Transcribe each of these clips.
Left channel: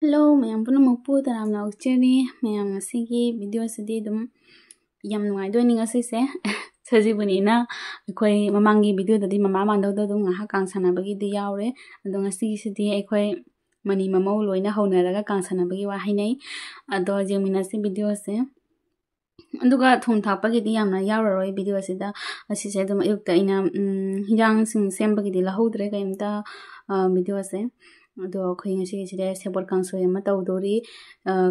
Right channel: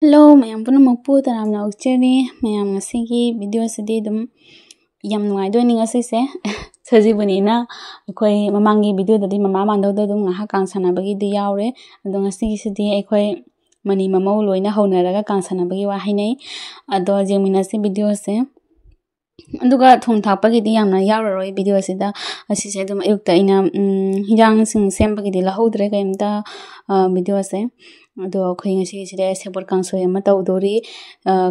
Hello, ma'am. Puna magpu taram na ucheni, ma'am. Ngasigi video sidi dum yam nuai do ni ngasi se. Saji buni na koi mamangi video dadi mama mando do dum ngah kang sana bagi di yaure. Ado ngasigi sidi koi mani mamau loina hauna raga kang sana bagi wa hainai. Ado jengmina si video se. Aduga thong thapa gi di yamna yauroi video sida asi se dum ayukta ina hijang sing sem bagi di lahodre kaimta video se. Ado khoi ngasi sida sebor kangsoy ama tawdori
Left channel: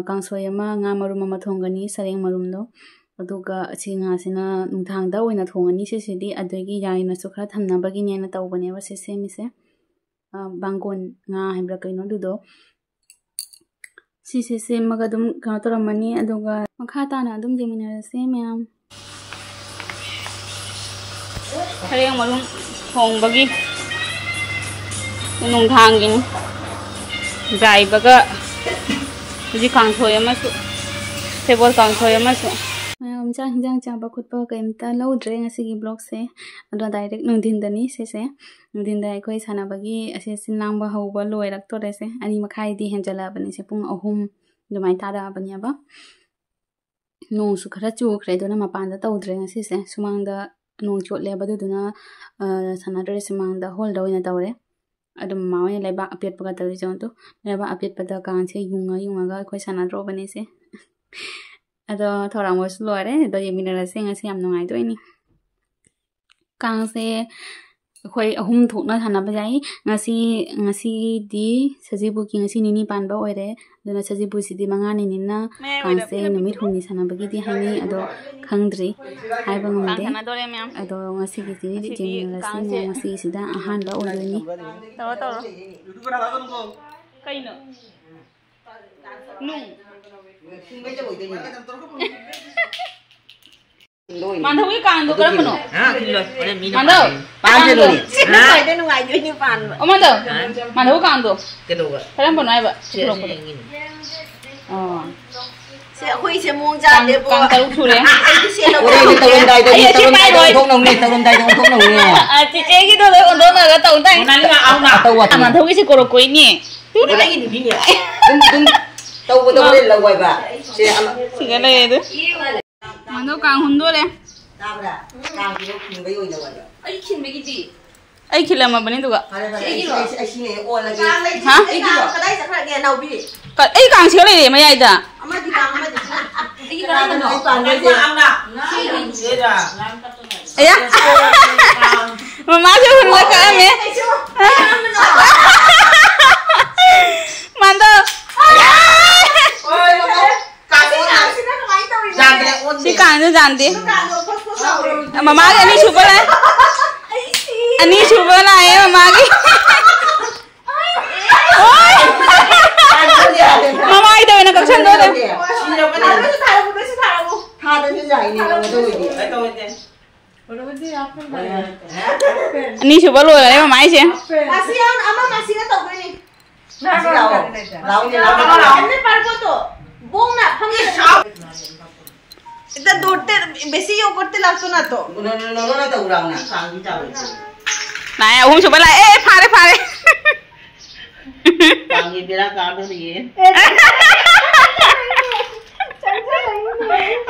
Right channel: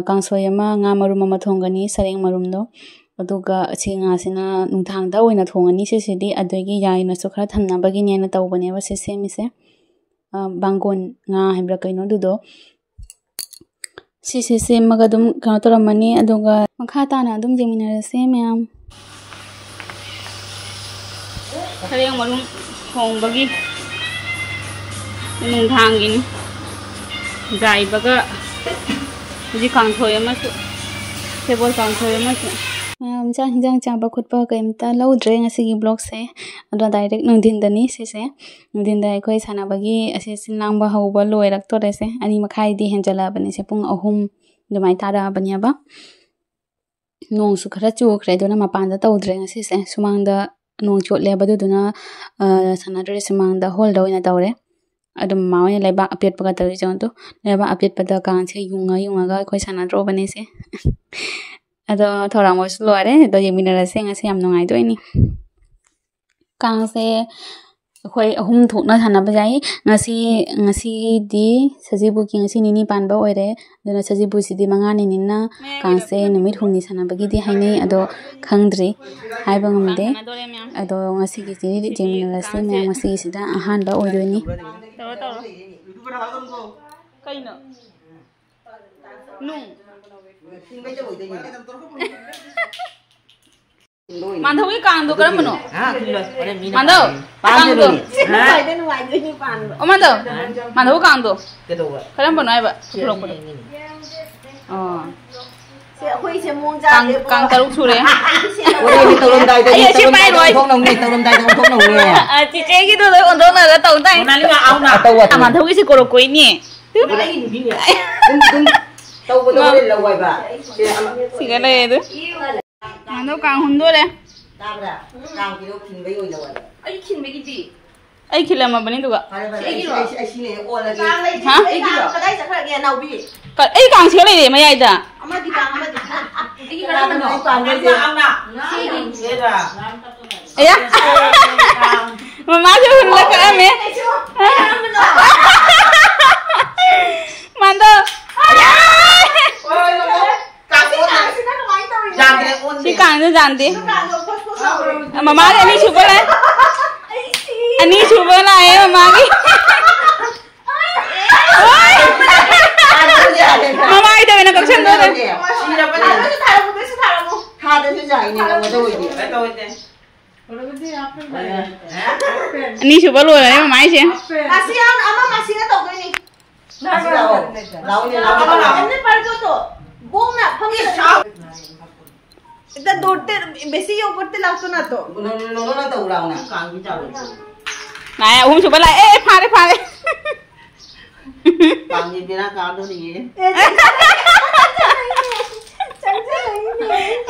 kangsoy ama nga marum ama thongani sareng marum do aduga chi nga sina nungthang da oina thongani se sidi adogi yaina so khara thanna bagi ne na tawbane ba se semi se bangon nga hebra kaino dudo si se maga dum ka toramani aduga makha ta na dum jemina se ma'am sareng marum thong bagi nungthang gin Gai baga ji kang thoi ama su table kang thoi ama su cha hinjang cha ba khut pa kaimta lo dre ngasi gi blog se ado direct nungdin dani se nungdin da koi sana bagi ase sinlang ba ho ba loi rak to re se ani makhai di henjala bani se pung ahum dumai tara bani ba nong su khara chu khre do na mapan da to dre ngasi se sumang da nong chot le ba du na sana dre sumang da hol do ina tawre Adam mau ni leba update pakai tadi jangan tu leba update pada kang se yunga ga koi sana dro bani se ado thora mo slow are do yemina rase ngasi am nongai do ini kang se koi ahum thokna thana bajai ngasi di sajibu ki ngasi nini panba oire dona sajibu sidi manga ni ninna kang se numit humni sana bagi di haini ado khangdri hai bangam de ado ngasi ki sidi jemina rase ngasi sida ahan ba oire ni Tahu. Kaino. Nung. Mandau ini kando kerana mana? Mandau. Kando. Oh mandau kando. Kerana mana iba? Oh. Kang taruk sure. Ayo siapa itu? Cici gitu loh untuk naga tahu tak? Aman tahu sih korok ini. Tahu betul betul lagu apa? Siapa itu? Mana kang hundur deh? Ay kila ma bani tuga. Hah? Ay kang sila le ma yaida. Aya. Mama jo hunla ka ame. Mando. Si kang jo janti. Mama ke ani chupa le. Ani chupa la hai mama ki. Mama ida na kaksan do de. Ani chupa lo la mama ai che. Masian ama masina to ko ni. Lau ni par ko to. Bong na phang इतना दोड़ते बेसी यो करते लागतो ना तो ना तो उड़ाओ ना कांगी चावल ना हम सुबह ला ए फारे कांगी बेरा काटो दिए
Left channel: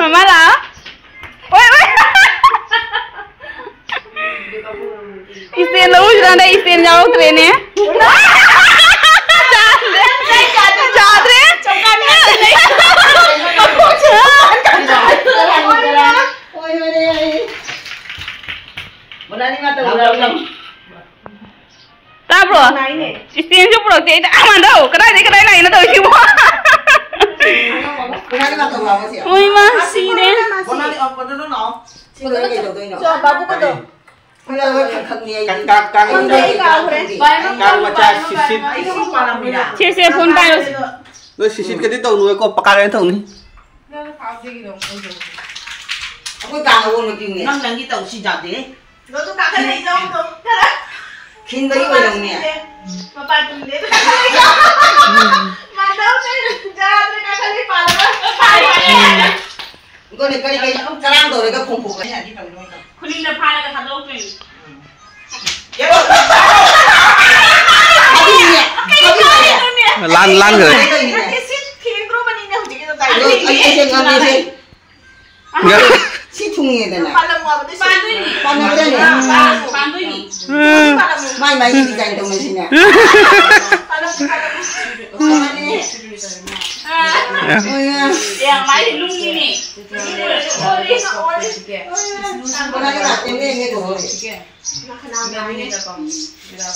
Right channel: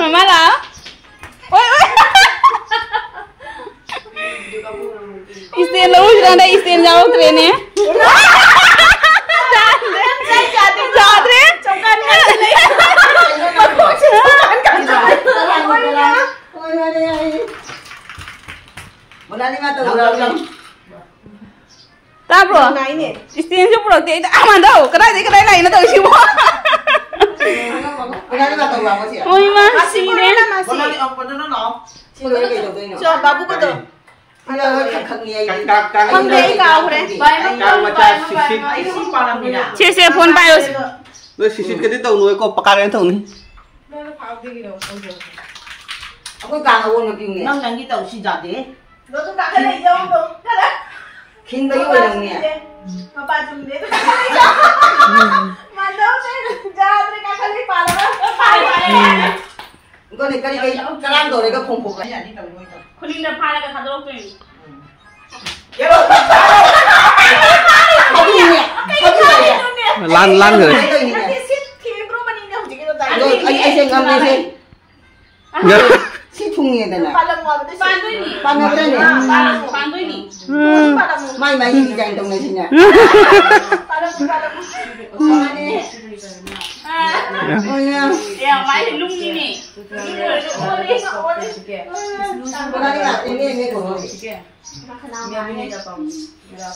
मम्मा ला ओए इससे लो उजरा ना इससे जाओ ट्रेन है जादरे Tabro, istimewa jo pro te amanda o kadai lain na to sibo. Oi ma sine. Bonani op kono no. Sine ke to no. Jo babu ko to. Pila ko khak ni ai. Sisi phone pa yo. Lo sisi ke di to no ko pakare to ni. Aku kang awon lagi ni. Nang nang kita usi jadi. Lo tu kakak lagi jauh tu. Kara. Kin bagi orang ni. Papa tu ni. Mandau ni jangan tu kakak ni palu. Kau ni kali sekarang tu mereka kumpul. Kulit dah palu dah kado pun. Lan rồi. Anh xem ngon đi si thùng nghe đây này pan nó đây này mai mai gì dành trong này xin nè ya máy thì lung như này cái này là em nghe của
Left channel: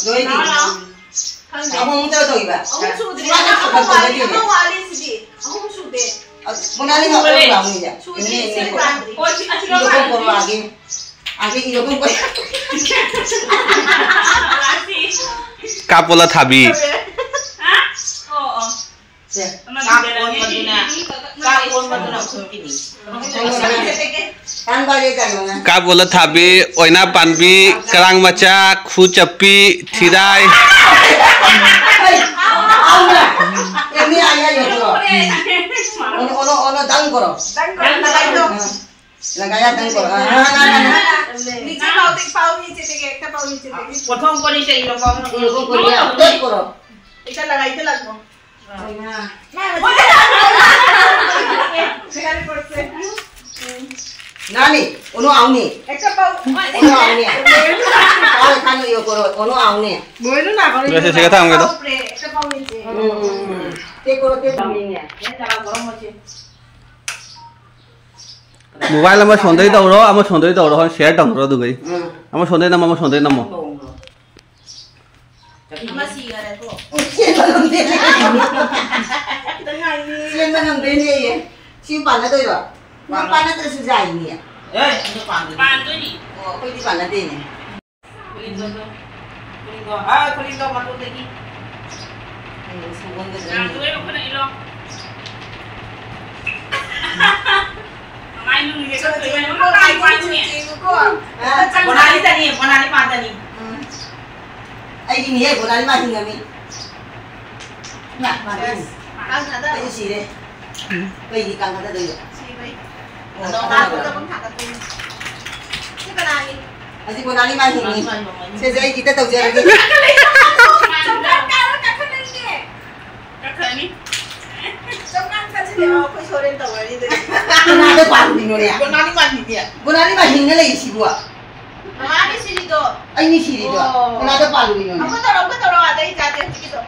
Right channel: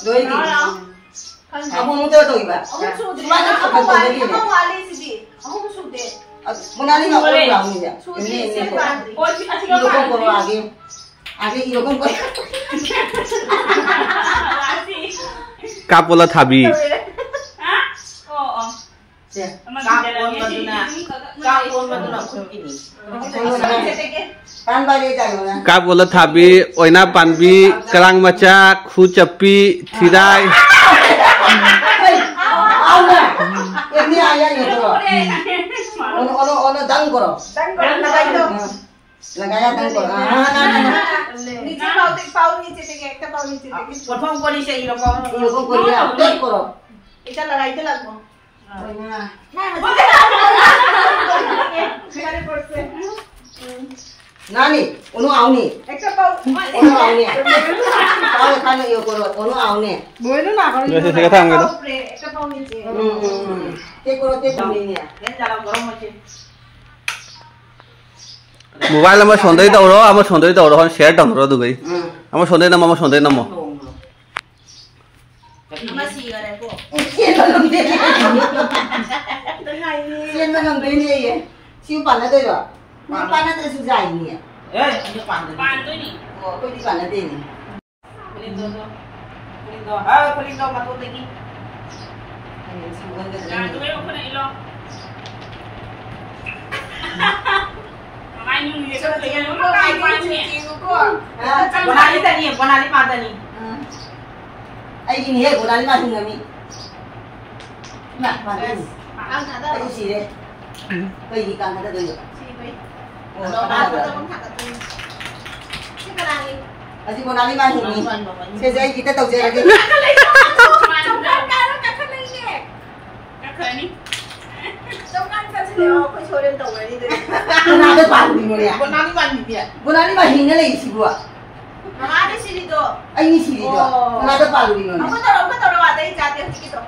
rồi đi ông không tới tôi vậy Monali nggak perlu lah ini ya. Ini kok. Itu kok lagi itu kok. Kapola thabi. Oh. Kapon baduna ini. Kan bagi kan. Kapola thabi, oina panbi, kerang maca, khucapi, tirai. Ini ayah itu. Ono dang koro. Lagaya dang koro. Niche pau niche tege ekta pau niche tege. Prothom kori se ilokon koriya doi koro. Eta lagaite lagbo. Nani, ono auni. Ekta pau. Ono auni. Pau kan iyo koro, ono auni. Boinu na koro. Biasa saya kata gitu. Ekta pau niche. Te koro te pamini ya. Mobile ama sondai tawro, ama sondai tawro kan share tawro tu gai. Ama sondai nama, ama sondai nama. Ama sigara tu. Siapa nang deni ye? Siapa nak tu yo? Mana tu susah ini ya? Pan tuh nih. Oh, kau di mana deni? Kulindo matu tegi. Sugon ke Yang tuh yang kena ilok. Main lu nih. Bonali tadi, bonali pada ni. Ay ini ya, bukan lima tinggal ni. Nah, mana ni? Ang ada. Ayo sih deh. Kau ini kan ada tu yo. Oh, Ano ada ba? ada. Si Banani. Asyik bukan lima ini. Saya kita tahu je lagi. Kakak ni. Jangan kasi dia aku soren tahu ni tu. Bukan ada palu ni ya. Bonali mandi dia. Bukan lima hingga lagi sih gua. Namanya si itu. Ay ini sih dia. Bukan ada palu ni. Aku tahu ada ikat itu.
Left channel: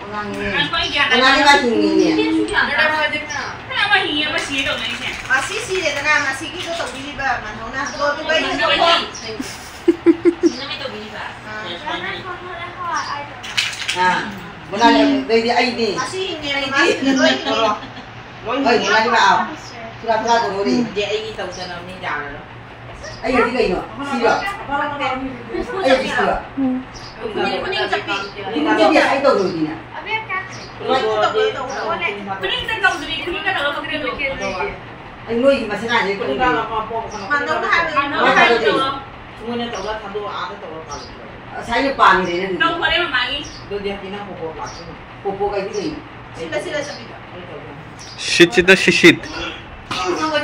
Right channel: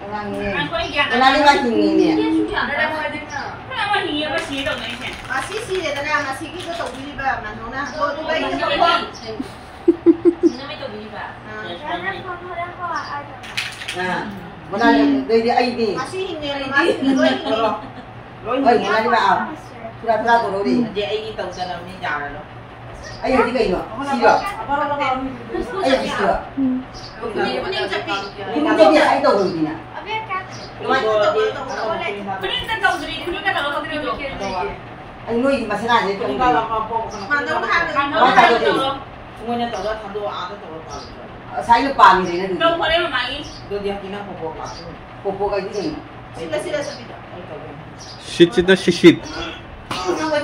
Bukan lima hingga ni. Kenapa hiya masih itu ni sih? Masih sih dia tengah masih kita tahu diri bah mana. Kalau tu bayi tu Nah, bukan dari ay ni. masih ini masih Ay, bukan lima aw. Pura-pura ko lori. dia ini tahu sana ni dah. Ay, di kayo. Siro. Ay, di siro. Kuning capi. Ini jadi ay tahu lori na. Kuning tak tahu diri, kuning tak tahu pakai dulu. Ay, noi di masana je ko. Mana dah Mana tahu tu? semuanya tahu satu ada tahu palu. Saya lupa ni ni. Tahu boleh memanggil. Do dia kena popo langsung. Popo kay dito. Sila sabi. Shit itu shit. Ano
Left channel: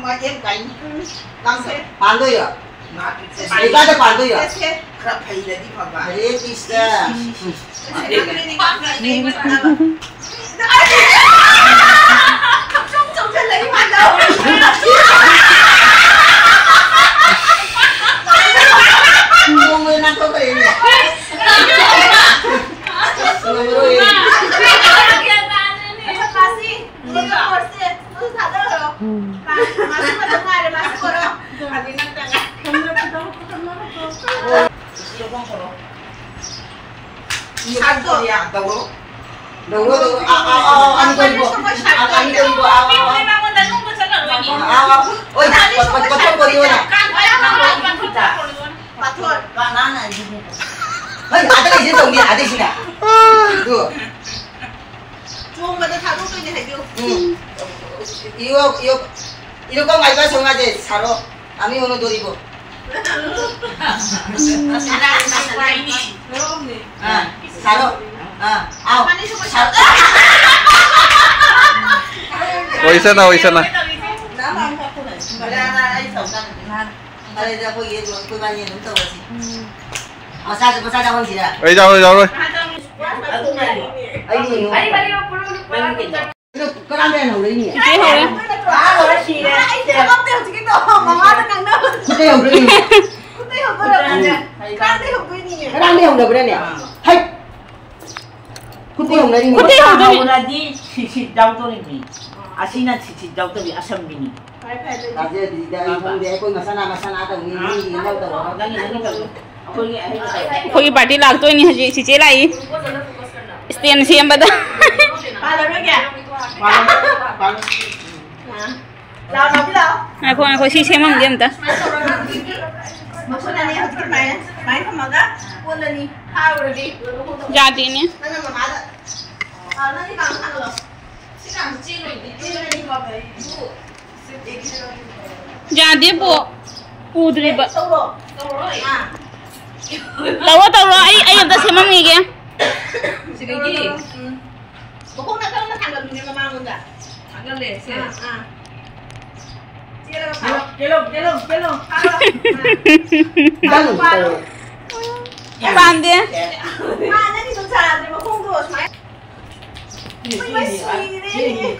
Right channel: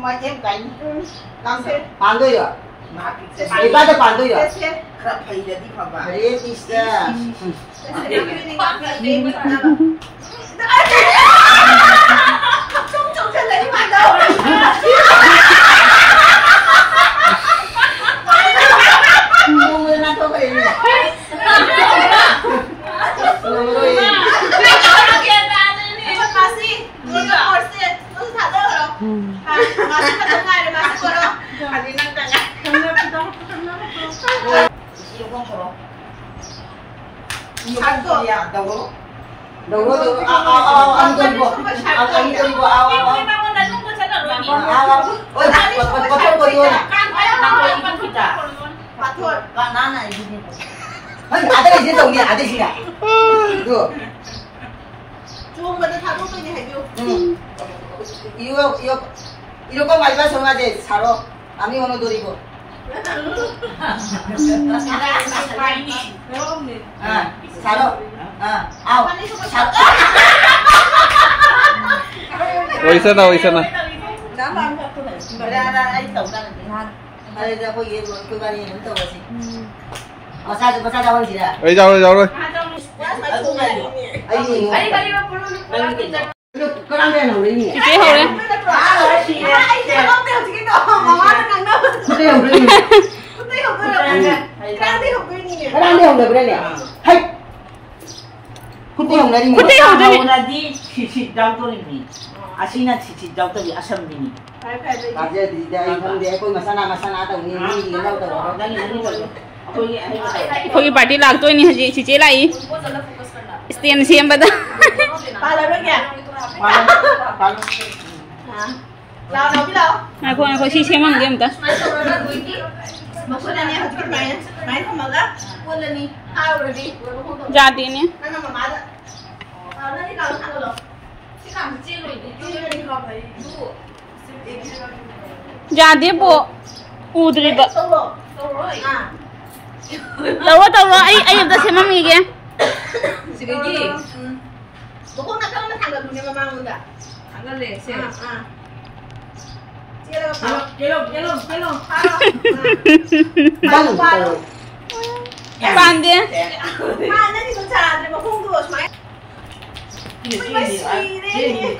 macam kain langsung. Pando yo. Nah, Iba ada pando yo. kerap hai jadi apa? Ay, tista. Trông chân lấy mặt đâu. Mo mo na to kay ni. Nomor ni. Masih, nggak kursi, terus ada loh. Masih pada ada masih koro. Ada nang tanya. Satu ya, tahu. Dulu tu, ano ko ibo? Ano ko ibo? Memang mau datang pun saya tak tahu. Oy, patol ko yun na. Kan kaya nak kita. Patur. Banana ini. Ay, ada lagi dong dia, ada sini. Tu. Cuma pada tahu tu ni hadiu. Iyo kong alba sama je saro. Kami ono duribo. Ada ini. Saro. Aw. Saro. Oisa na. Nama apa tu? Ada ay tahu kan. Đây là cô ba nhìn đúng tôi gì. Masa jauh sih dah. Jauh rồi. Ai ni. Cái đám đen hồng đấy nhỉ? Chị hầu đấy. Ai không tiêu chỉ cái đồ mà má nó căng đâu. Cái hồng đấy nhỉ? Cái hồng cái này. Cái hồng cái này. Cái đám đen hồng được đây nè. Hay. Cái hồng đấy nhỉ? Kuti hầu đấy. Lagi sisi jauh tu ni. Asina sisi jauh tu di asam bini. Bây giờ thì đây không để cô masana tao nghĩ lâu tao. Nangis tu. Aku ni ada. कोई पार्टी लाग तो नहीं हजी चिचे लाई stand CM बता Ba lần nữa kìa. Paling. Nào nào biết đâu. को शीशे में गेम था Mà con này học cái máy không mà đó. Con này đi. Hai rồi đi. जाती नहीं Nó nằm mà đó. Nó đi làm thằng rồi. Cái làm chi rồi đi. Cái đi vào đấy. जाती वो उधरी ब Xong rồi. À. तव आई अब से मम्मी के Gì cái gì? Bố con nó thằng là mình mang luôn cả. Thằng là lệ xe. À. Chia ra phải. Hello. Đang ngủ. बांध दे À, nó đi tuần trà thì mà không được máy.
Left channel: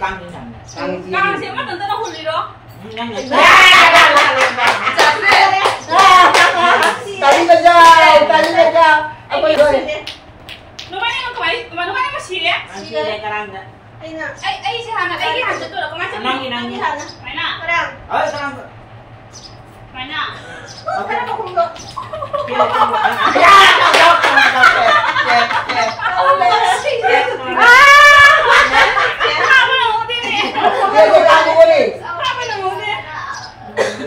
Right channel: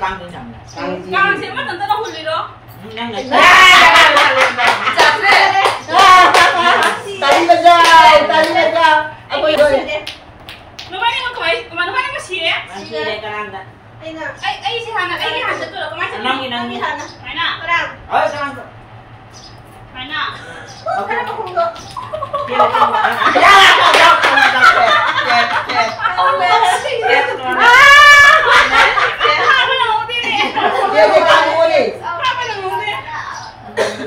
Kang ni sam. Đang से मत अंदर हुली दो Nang ni. Tadi kerja. Aku itu. No मैंने को कोई no मैंने को सीए Masih ada kerang tak? Đây nè. I say हाना आई हाथ तो लो कमाई से Nang ni. है ना Cái nào? Oh, kerang tu. है ना Cái nào không được. Ông lệ. हां बना होती है Dia kamu boleh. हां बना होती है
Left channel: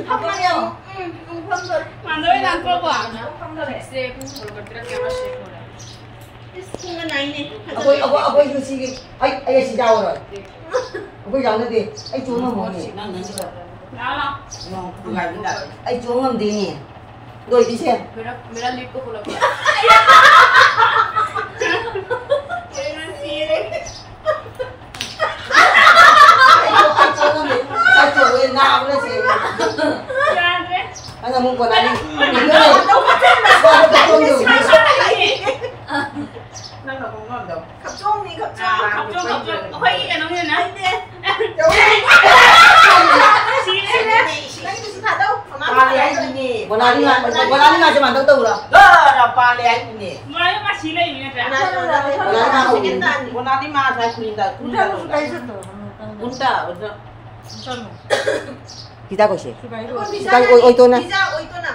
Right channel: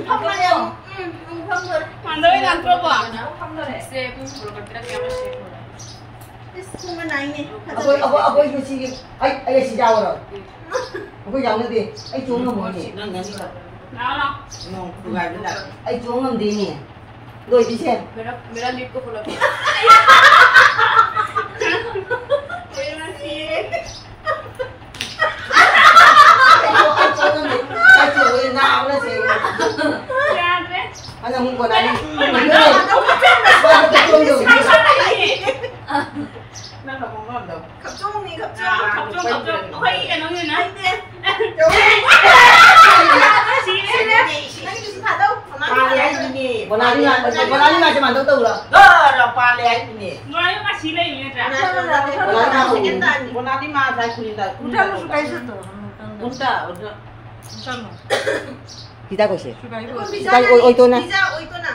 Không có điều. Không được. Mando ही ना तो Không được. Sẽ cũng phải bật ra camera share rồi. Không có này nè. Aku itu sih. Ai si jauh rồi. Aku jauh nanti. Ai cuma mau ni. Nang ni tu. ना ना No, bukan benda. Ai cuma mau ni. Doi di sini. मेरा लीड को बोला. Ai cuma ni nào nữa sih. जान रे Anh muốn quần áo đi. Đâu có trên mà. Sao có không được. Nang tak ngom tu. Khập trung đi, khập trung. खप जो होई cái nó như này Đúng. xí Đây nè. Đây cái sự thật đâu. Mà má Pali ai bini. Quần áo đi ngang cho bạn đâu đâu rồi. Dah pali ai bini. मलाई मा सीले नि Cái त này là cái cái tên. Guna ni mah saya kulit. Unta. Kita có sự. Con pizza Cái này. ôi tôi nè. Pizza ôi tôi nè.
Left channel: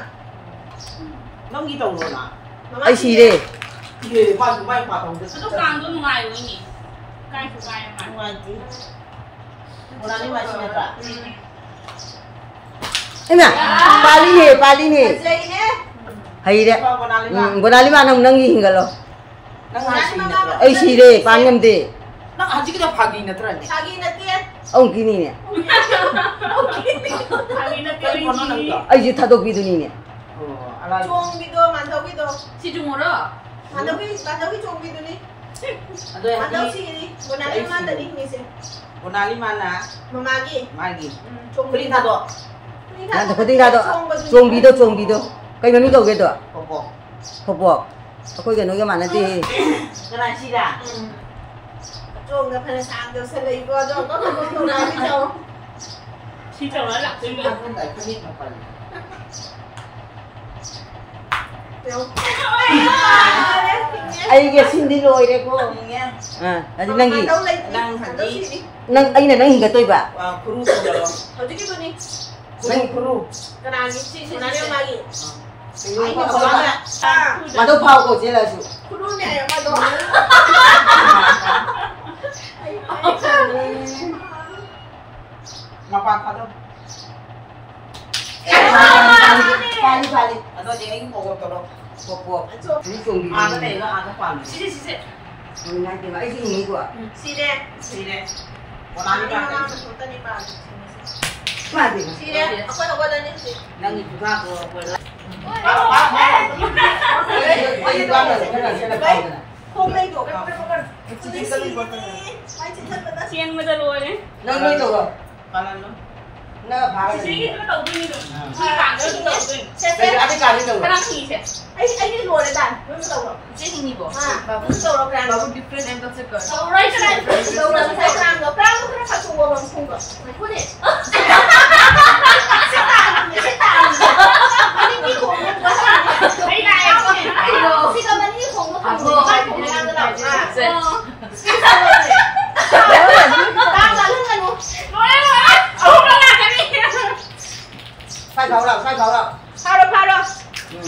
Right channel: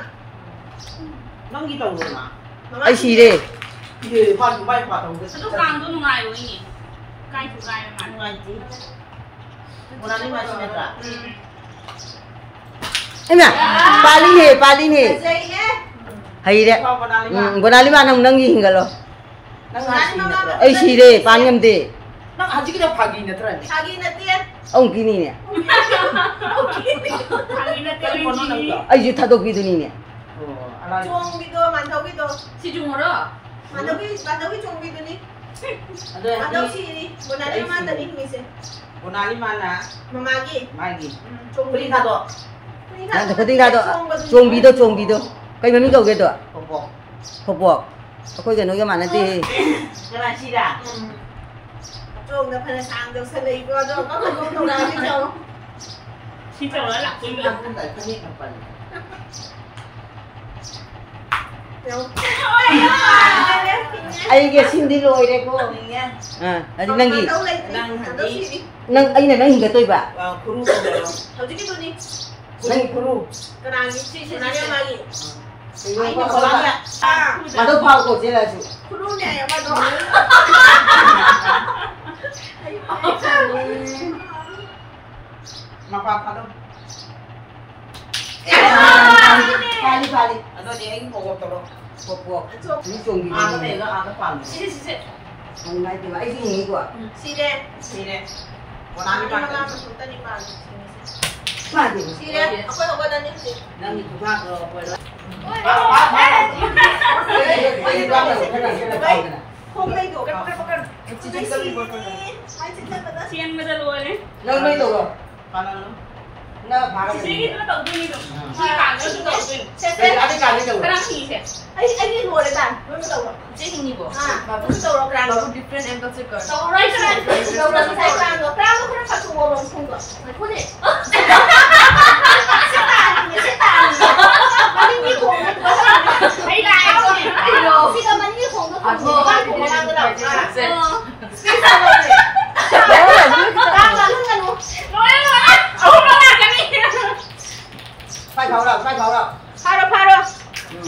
Nang gitu guna. Ai xì đi. Ye, pagi baik patong tu. 또 간도 누가요 이니 까이 두가요 마 Guna ni masih nak. Em nè. Pali nè. Dây nè. Hay đấy. Guna ni mah. Quần áo đi mà nang gì hình lo. Nang masih nak. Ai xì đi, pan ngâm đi. Nang haji kita pagi nak terang. Sagi na tiền. Ông kia nè. 자기는 Kono nang 때리지 tu. Ai gì thật độc gì nè. Oh, ala. Chuông video, màn đầu video. 시중으로 Màn đầu cái chuông video đi. Ada Màn đầu yang xì đi. Bữa nay em ăn đi, mình sẽ. guna ni mana? Mà magi. Magi. Chuông Beri tak tu. Nãy tôi tính ra đó. Chuông video. Cái mình đâu cái đó. Popo. Hộp. Aku cái nói cái màn này thì. Guna sida. Chuông là phải sang được sẽ lấy qua rồi. Có không đâu ra biết đâu. 진짜 원래 Aku tak kenyit apa ni. Ai cái xin đi rồi đấy cô. Ni ya. À, là nang gì? Đâu lấy. Nang Màn đầu xì đi. Nang anh này nó hình cái tôi bà. Kuru tu dah. Đầu cái video đi. Kuru. Cái nào đi. Bữa nay em magi. Ai ni kolam tak? À. Mà tôi phao cổ chế là sự. Kuru nè, em ăn đó. Mapa tak tu. Pali. Ada dia yang pokok tu. Hộp. Ní chuông gì. Ada ni lah, ada pan. 시세 시세 Hôm nay thì vậy gì nghĩ của. Xì nè. Sini. Guna ni mana? Mà thì. Xì nè. Ako na ko din xì. Nang itu tak ke apa? Ai đoán là cái này sẽ là cái này. Không lên của cái xì nè. Ai xin thân mà ta. CN में तो लोए Nang mấy tổ rồi. Kanan lu. nó phá cái Chị gì nó đầu tiên được. Chị càng nó đầu tiên. Thế ăn đi càng đi đâu Cái nào thì sẽ. Anh đi ngồi đấy bạn. Nó đầu rồi. Chị hình như bộ. Nó đầu nó càng nó different and that's good. Đầu right side. Đầu là sai càng nó 그냥 자꾸 먹어 본 거. 나 코네. Mani ni khủng nó thấy này không? Khi đó mani khủng nó không có cái khủng đang cái đầu à? Đấy là đang là lúc này luôn. Nói rồi, ông nó làm cái gì? Sai pháo đâu, sai pháo đâu. Phá đâu.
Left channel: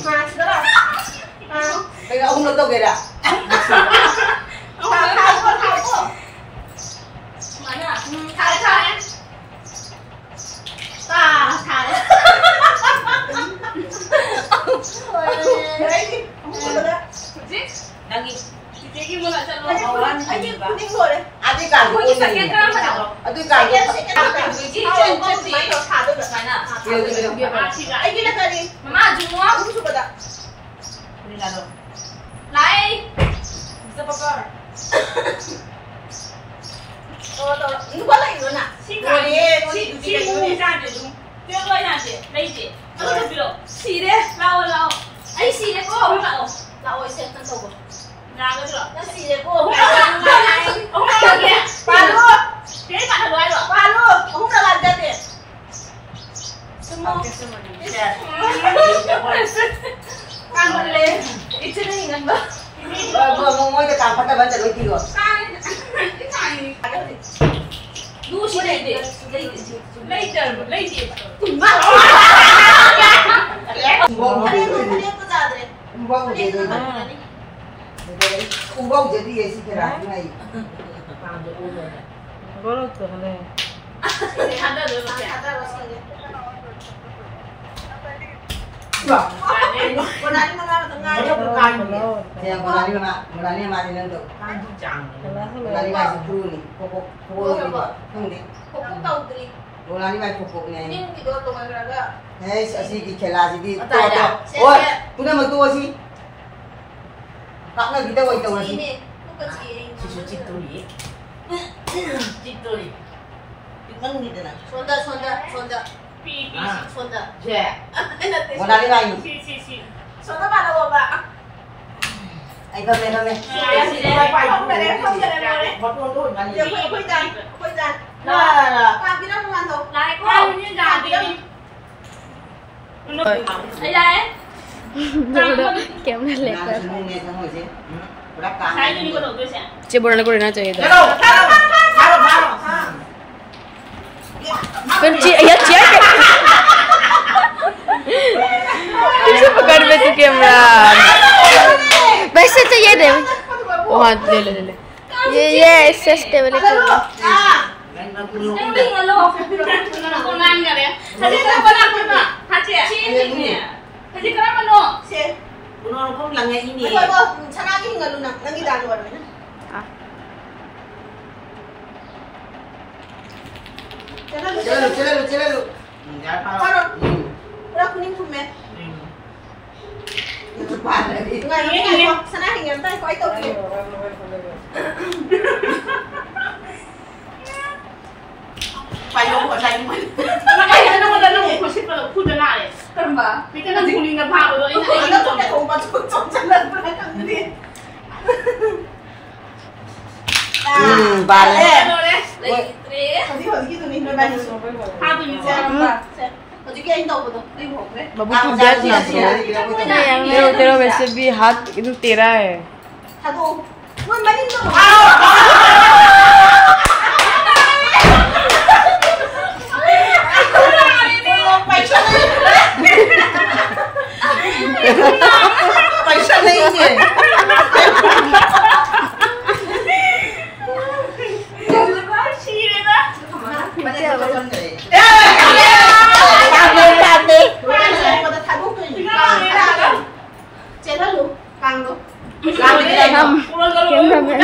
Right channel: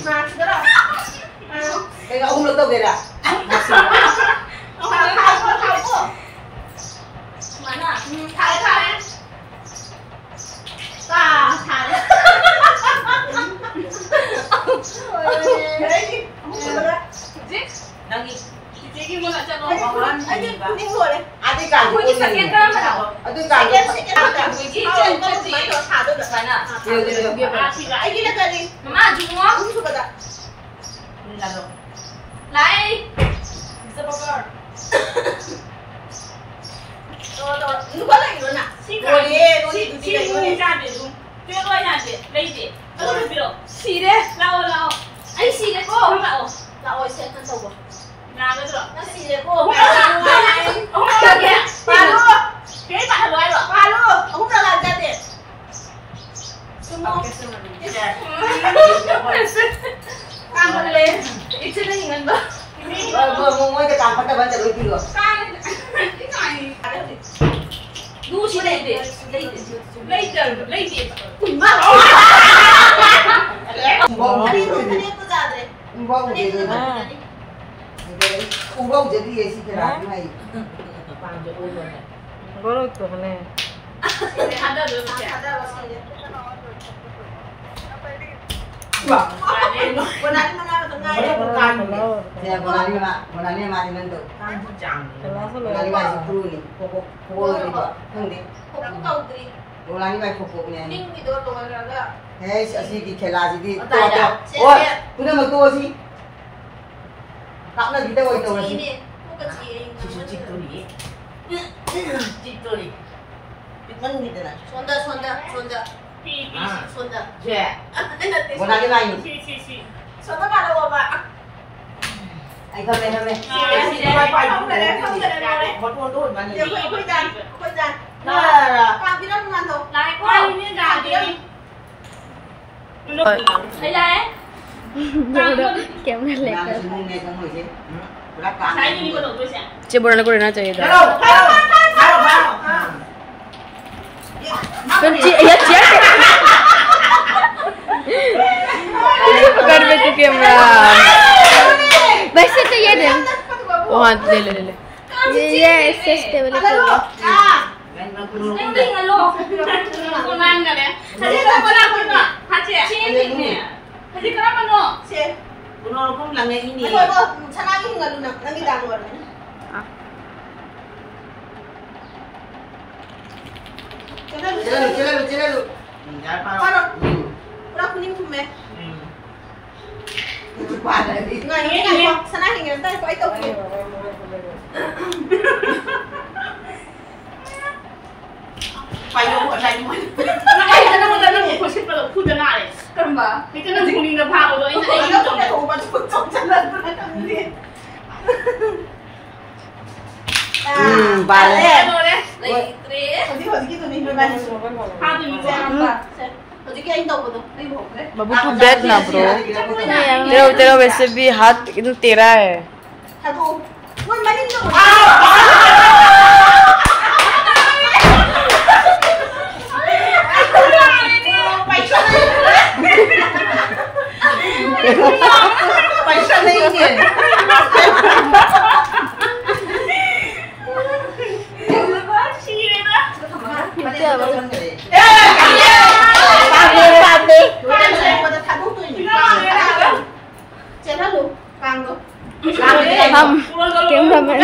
Mà đó là. Cái ông được đâu kìa đã. Tháo. Mà nè, tháo đấy. Thả đấy. Đấy đi. Không được đấy. Chị. Đang đi. Chị kia muốn lại trận nó. Anh đi ngồi đấy. Ăn đi càng Cô đi sạc cái cơm mà đâu. Ăn đi càng. Chị chân chị. Thả tôi được phải nè. Chị lại. Anh đi lên đây đi. Mama dùng quá. Uống sugar đã. Đi làm rồi. Lại. Supper. Rồi, có lệnh rồi nè. Chị mua ra để dùng. Tuyệt vời nha chị, đây chị. Nó được được. Xì đấy, lau. Anh xì đấy cô. Lau. Lau ơi xem con đầu. Nhà nó được. Nó xì đấy cô. Ông làm kìa. Bà luôn. Cái bạn rồi rồi. Bà luôn. Ông đã làm ra tiền. Sumo. Càng một lên. Ít chân hình ăn đó. Vừa ngồi cái càng phát ra vẫn chạy đôi kia rồi. Du chị lấy tiền. Lấy tiền. Bông Đi có ra đấy. bông gì rồi. Bông gì thì gì cái này này. Bằng cho ôn rồi này. Có được cửa này. Hắn đã được rồi. Wah. Con này tengah. Ya, bola ni mari nanti. Kan jujang. Bola ni masih perlu ni. Pokok ni. Pokok tahu tadi. Bola ni masih pokok ni. Ini di dua tengah ada. Hey, asyik di khela sih. Oh, tu nama tu sih. Tak nak kita buat itu sih. Ini, bukan sih. Susu cituri. Cituri. Pitman gitu nak. Sonda. Sonda. Je. Bola ni main. Sonda mana bawa? Ai thơm này. Không để đấy. Một con đôi mà Dia đi. koi dan. Nah. Kan kita mau ngantuk. Lại quay như gà đi. Đây đây. Kéo lên lệ Nah, sini ni sama sih. Belakang. Saya ini kau tahu sih. चे बोलने को रहना चाहिए था Hello. तो यार चेक पीछे पकड़ ले तू कैमरा वैसे तो ये दे ओ हाँ ले ये ऐसे स्टेबल करो Em đi ngồi luôn. Không ăn cả đấy. Thế thì sao con ăn mà? Hả chị? Chị nè. Thế thì con ăn bao Si. Uno pun langit ini. Apa sana lagi tinggal lu nak. Lagi dah luar. Cela lu. Jangan parah. Taruh. Taruh kuning kume. Itu parah ni. Nggak ini. Sana tinggal tadi kau itu. Phải đâu ở đây mà. Ay, ano mo dala mo? Kasi pala uda na eh. Tamba. Hindi ka na kuning na pa ako. Ano kung may kumpat jalan pernah kami. Balik. Ano eh? Like, three. Hindi ko gitu nih beban. Happy mo siya. Jadi kayak itu betul. Ayo ho. बाबू तू बैठ ना ब्रो तेरा वैसे भी हाथ एकदम तेरा है Satu. Mun mainin tu. Paisa नहीं है. हम cameraman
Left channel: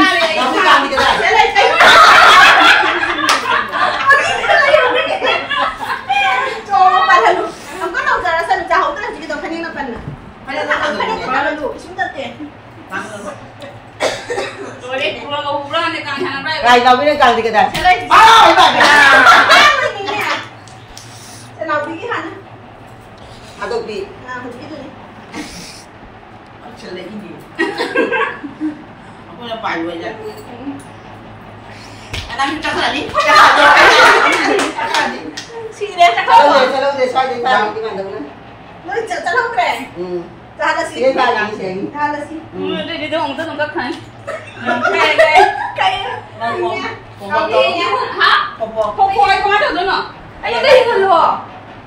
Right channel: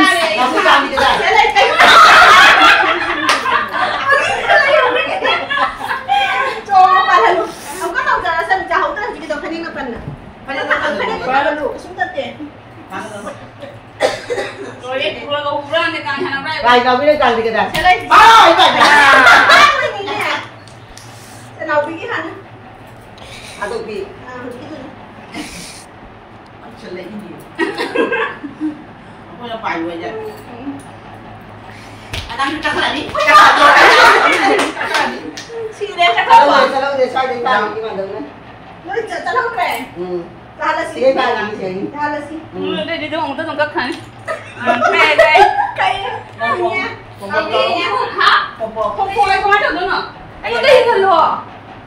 Rồi đi, pulang kau pulang ni kan sana berapa? Gai kau bila kau dekat dah. ꯊꯥꯗꯣꯛꯄꯤ ꯑꯩꯈꯣꯏꯅ ꯄꯥꯏꯔꯣꯏꯗ ꯑꯗꯥꯝ ꯆꯠꯈ꯭ꯔꯅꯤ ꯁꯤꯔꯦ ꯆꯠꯍꯧꯗꯦ ꯁ꯭ꯋꯥꯏꯗꯩ ꯄꯥꯏꯕꯗꯤ ꯉꯝꯗꯕꯅ ꯅꯣꯏ ꯆꯠꯍꯧꯗ꯭ꯔꯦ ꯆꯥꯍꯜꯂꯁꯤ ꯆꯥꯍꯜꯂꯁꯤ ꯑꯗꯨꯗꯤ ꯑꯃꯨꯛꯇ ꯁꯨꯝ ꯀꯛꯈ꯭ꯔꯅꯤ ꯀꯃꯥꯏꯅ ꯇꯧꯗꯣꯏꯅꯣ ꯑꯩꯉꯣꯟꯗ ꯍꯤꯡꯍꯜꯂꯣ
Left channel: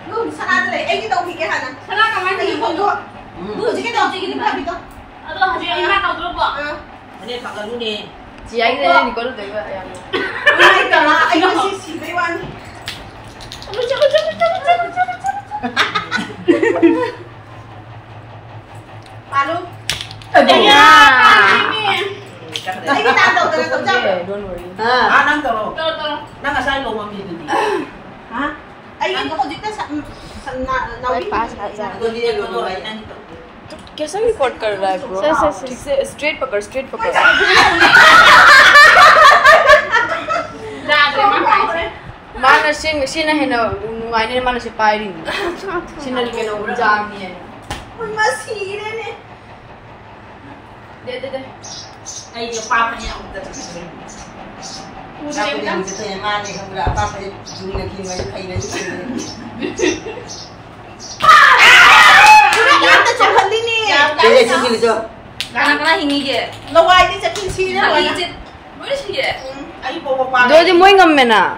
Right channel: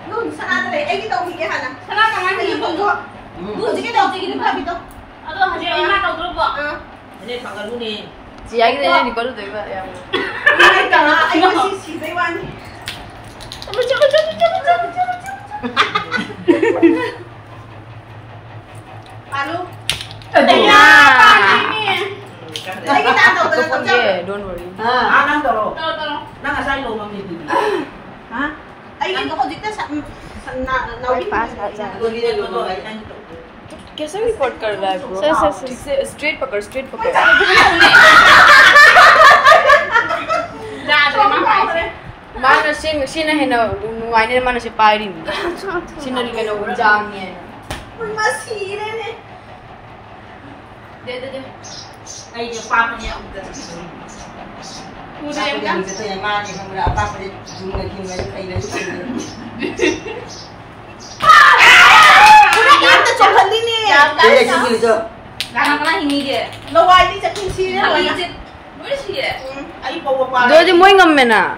ꯅꯪ ꯁꯅꯥꯗ ꯂꯩ ꯑꯩꯒꯤ ꯇꯧꯈꯤꯒꯦ ꯍꯥꯟꯅ ꯁꯅꯥ ꯀꯃꯥꯏꯅ ꯍꯤꯡꯍꯜꯂꯣ ꯍꯧꯖꯤꯛꯀꯤ ꯇꯧꯈꯤꯒꯦ ꯐꯕꯤꯗꯣ ꯑꯗꯣ ꯍꯧꯖꯤꯛ ꯑꯩꯅ ꯇꯧꯗ꯭ꯔꯕꯣ ꯑꯅꯦ ꯊꯥꯡꯒꯠꯂꯨꯅꯦ ꯆꯤ ꯑꯩꯒꯤꯗ ꯅꯤꯀꯣꯜ ꯗꯣꯏꯕ ꯑꯩ ꯉꯁꯤ ꯁꯤꯕꯩ ꯋꯥꯅꯤ Palu. Iya. Lagi nak tahu kan tahu tak? Don't worry. Nang tolong. Nang asal lo mami tu. Hah? Ay ko dito sa पास आ जा Itu dia dulu ay nang itu. कैसा रिपोर्ट कर रहा है ब्रो सर स्ट्रेट पकड़ मानो सिना हेन नुआइने मानो सि पाइरि सिना नि केलो जामि है masire ne. दे Ay dia papa niya ang dito. Aku yang kita yang mana yang mula apa saja jumlah kini ay na yun. Yan ta chakal din eh. Yan ta chakal din. Kana hingi ke? Laway din chakal sire wala. Boleh sih ya? Ay papa. दो दिन मोई ngam में ना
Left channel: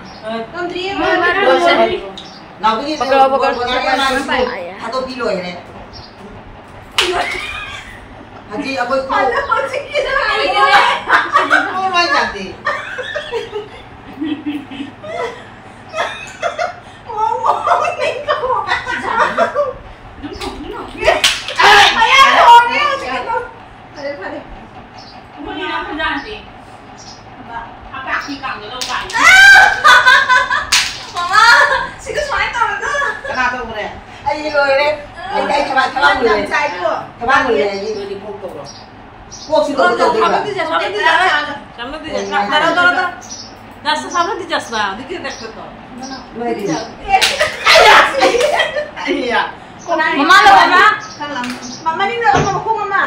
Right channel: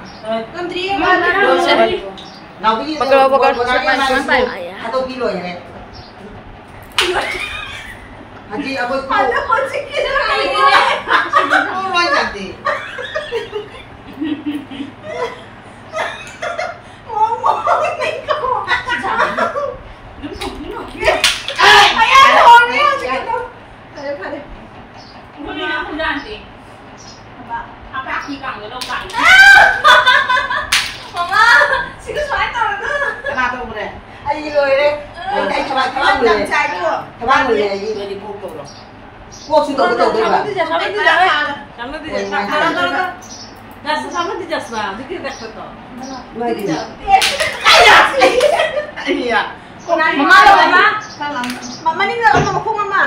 Kandri Dua mo. sehari. पकड़ Atau kilo ya ne. Haji aku Ada kunci kita. Kau main nanti. Ngomong nih kau. Ayah ngomong gitu. Pare. Boleh nak janji. Apa aku kang dia lupa. Mama, sikit suai tahu tu. Kenapa mo re? Ay rồi đấy. Ay thằng bạn người này. Thằng bạn người này gì? Jadi pukul lo. Quốc sư tổ tổ đấy mà. Dah sama di jasna, dikit dah kau. Mày đi. Iya. Mama lo mama. Mama ni nak sama aku mama.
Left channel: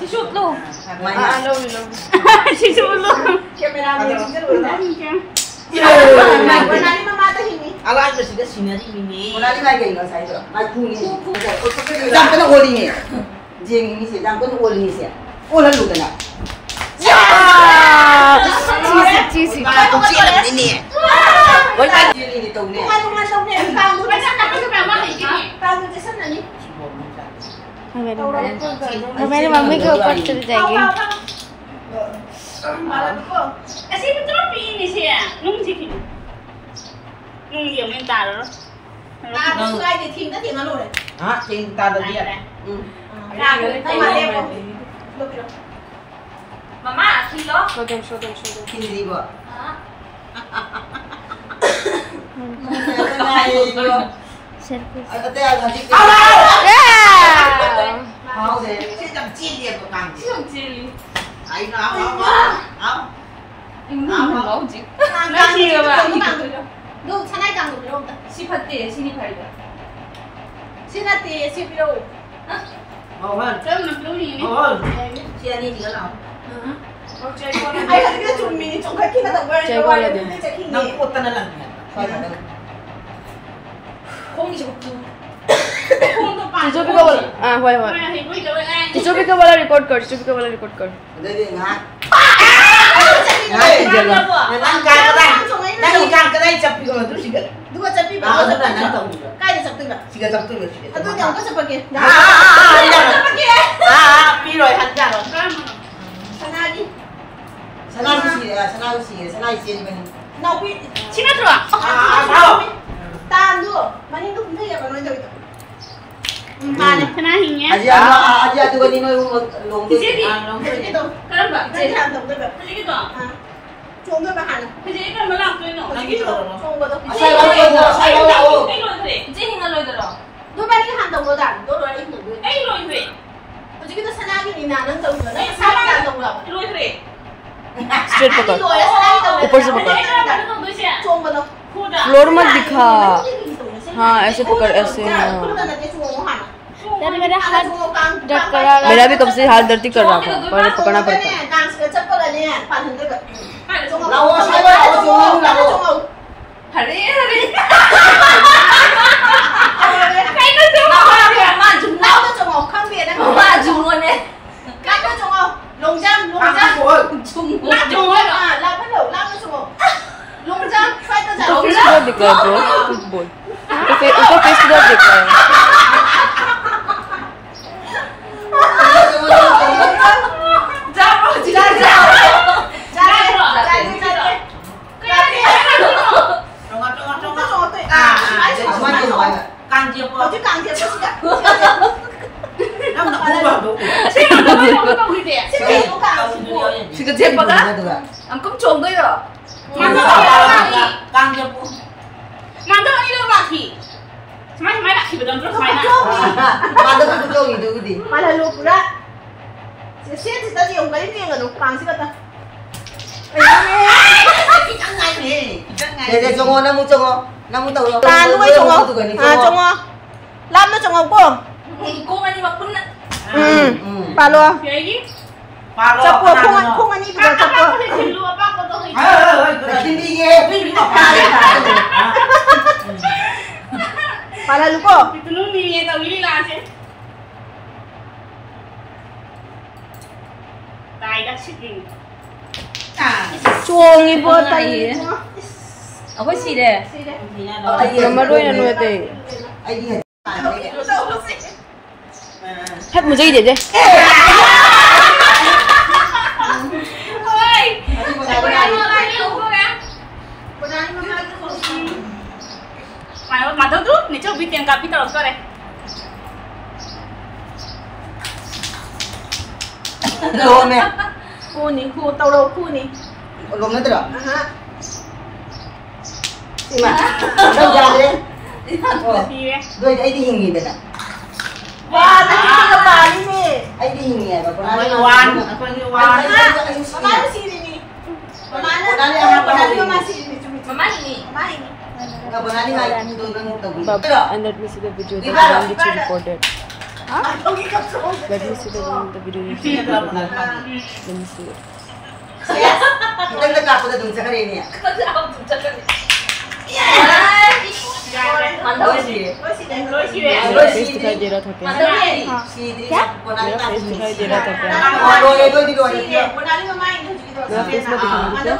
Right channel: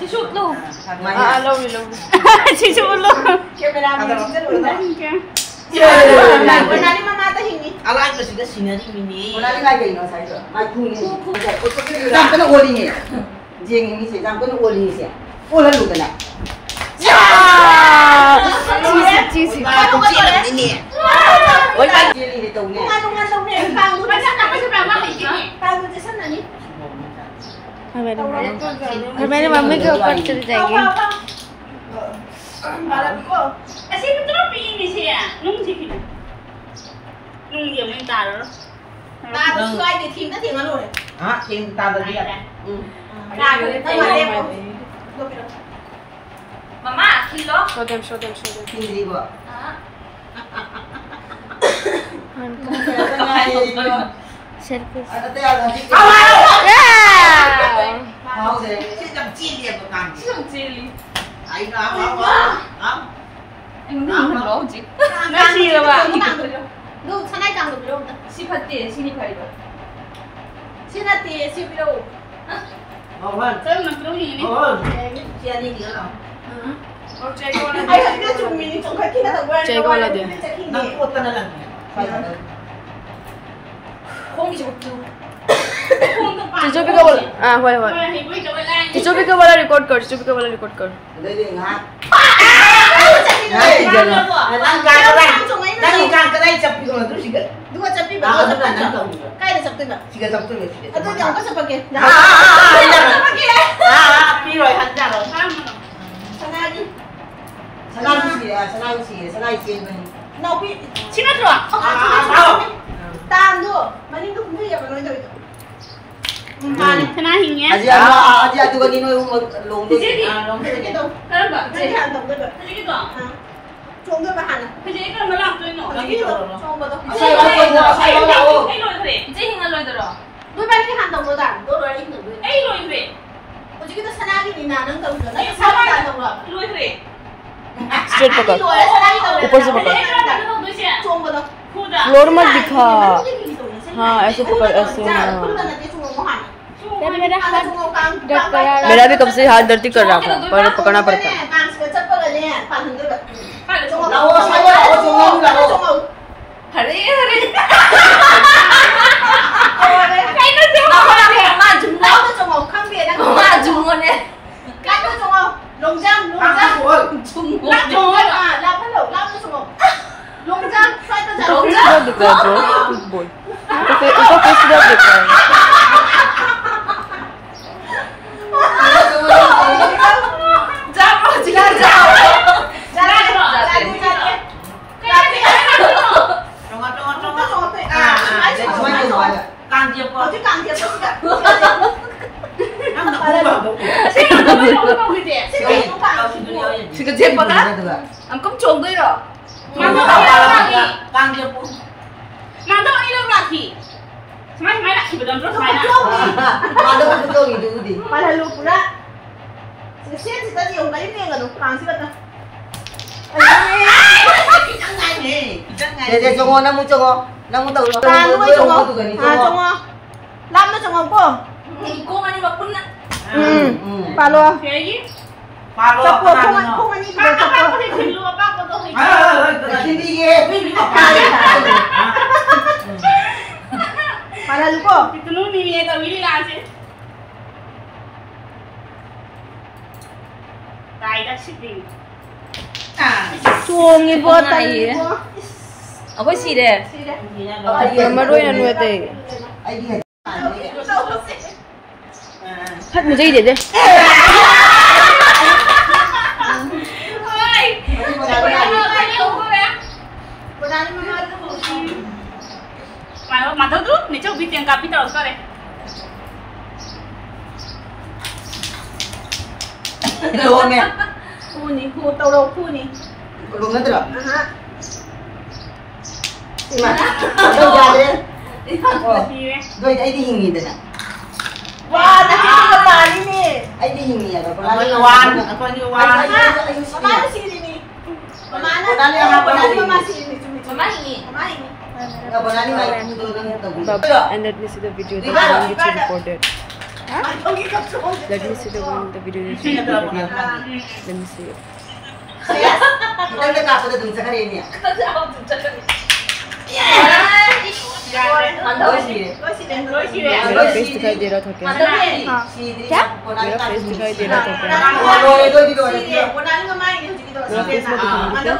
Sisut lo. Mày लो लो Sisut lo. Kamera ni dulu dah. Iya. Pernah ni mama tu ini. Ala ang kasi sinari ni. Pernah ni lagi ni saya tu. Mai pun ni. Jangan kena oli ni. Jeng ni saya jangan kena oli ni saya. Olah lu kena. या चीज Ini. वही बात Jeli ni tahu ni. Bunga tahu ni, kau Banyak tak pasal berapa lagi ni? kau di sana ni. मेरी मम्मी के ऊपर चली जाएगी Asyik betul ini sih ya. Nung sih. Nung yang main taruh. Kau suai di tim, nanti malu deh. Ha, cinta dah dia. Kau ni mana? Mama, kilo. Show them Kini di bawah. Selfie Ada ada di. Mau deh. Kasi jam dia bukan. Cili. Ay na ako. Nung lo sih. Kau ni apa? Lu sana kau ni belum dah. Sifat sini kali. Sini ti si belum. Oh, man. Kalau nak lu ini. Oh, siya ni dia lang. Ay, kita cuma ni cuma kita tahu. Nakuta na lang. Không chịu tu. Teacher भी का बोला हां हुआ टीचर भी का बोला रिकॉर्ड कर Đây đi ngã. Ngã thì giờ là. Nang ka day. Nang ka ka day chap ko tu sigal. Dua capi Ah, bawa ano capi. na nang tawo. Kaya na capi ba? Sigal chap tu sigal. Atau jangan kau sebagai. Piro ay handa ro. Sana lagi. Sana usi man. Nào bị Sini tu ah. Tahan dulu. Mana itu pun ya kalau itu. Kena hingga. Aji atu ko nino long tu. Jadi. Itu. Kenapa? Jadi hantam tu. Jadi gitu. Chong tu bahan. Jadi kan malam tu no. Lagi tu. Chong betul. Ay lo ite. Jadi hingga lo itu loh. Dua balik hantam tu dah. Dua balik tu. Ay lo ite. Jadi kita sana lagi ni nak nang tahu. Nak sana hantam lah. Lo ite. Straight पकड़ ऊपर से पकड़ Chong betul. Floor मत दिखा हाँ ऐसे पकड़ ऐसे हाँ Kalau nak dia cuma mohon. Daddy मेरा हाथ दर्द कर रहा है। मेरा भी कब से हाथ दर्द कर रहा था, पर पकड़ना पड़ता है। हरे Hare cái nó chung không mà chung nó chung không không biết nó mà chung luôn đấy cái nó chung không lùng răng chung lát chung rồi làm cái đầu làm nó chung không lùng răng sai tôi उसका फेस पूरा दिख रहा है ब्रो, कुछ बोल। उसका फेस पूरा दिख रहा है। Càng thiệp vào chứ càng thiệp vào 지금 제 거다? 안 깜짝 놀래요. càng thiệp 만두 이거 막히. 정말 많이 막히 보던 거 많이 나. 만두 그거 이두디. 말아 놓고라. 지금 시에트까지 온 거니 내가 놓고 당시거든. Để cho ngon nó muốn tàu nó 아, 누가 정어? 아, 정어. 라면 정어 뽕. 꽁 아니 막 뽕나. 바로. 여기? vào 잡고 rồi 콩 아니 그거 잡고. 빡빡 길로 빡빡 또 해. Khi đi ghê. 말아 놓고. itu nih ya willy lah sih. Tai dah sitting. chuông như vô tay. Ở cái gì đây? Mama đôi là nuôi tê. Hết một giây để đây. Mà đâu rút, này cho bị tiền cặp bị tao rồi này. Đâu mẹ? Khu này, khu tàu đâu khu này. Không nói được. Mà đâu ra đấy? Rồi anh đi hình gì đây nè? Wah, nanti kita balik nih. Anh đi hình gì này? Con như oan, con như oan. Mana sih ini? Mana masih ini? Mana ini? Mana ini? And let me see the video that one which you recorded. Let me see the video which you recorded. Let me see it. Kita udah kapal tuh sekarang ini ya. Mantap sih. मेरा फेस दिखाई दे रहा था क्या? क्या? मेरा फेस दिखाई दे रहा था क्या? मेरा फेस में दिखाई दे रहा था?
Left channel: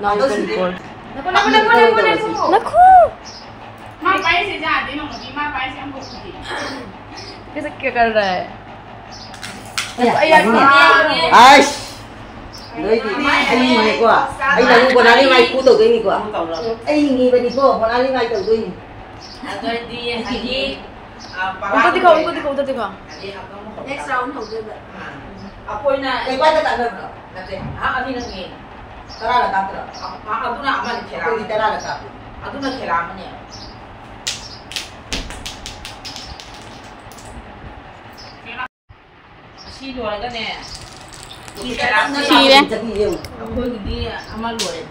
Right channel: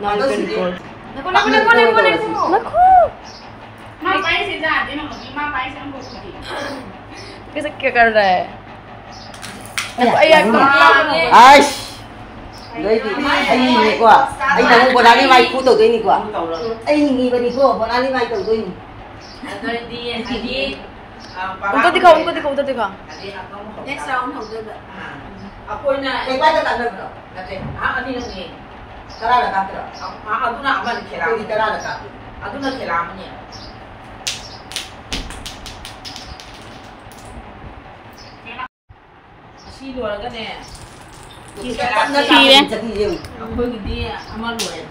Now you can record. Nakho. माँ पाई से जाते ना मुझे माँ पाई से हम बोल सकते कैसे क्या कर रहा है? Aish. Đấy thì anh nhìn quá. Anh đang quần áo đi vay cú tàu cái gì quá. Anh nhìn cái đi cô, quần áo đi vay tàu cái gì. उनको दिखा उधर दिखा. Next round không được. Aku ini. Cái quay tất cả được. Nanti, ini lagi. Tara là cắt rồi. Aku nak aman Tôi kira. đi tara là cắt. Aku nak kira aman ya. Si luar kan ya. Si kira. Aku ini aman luar ya.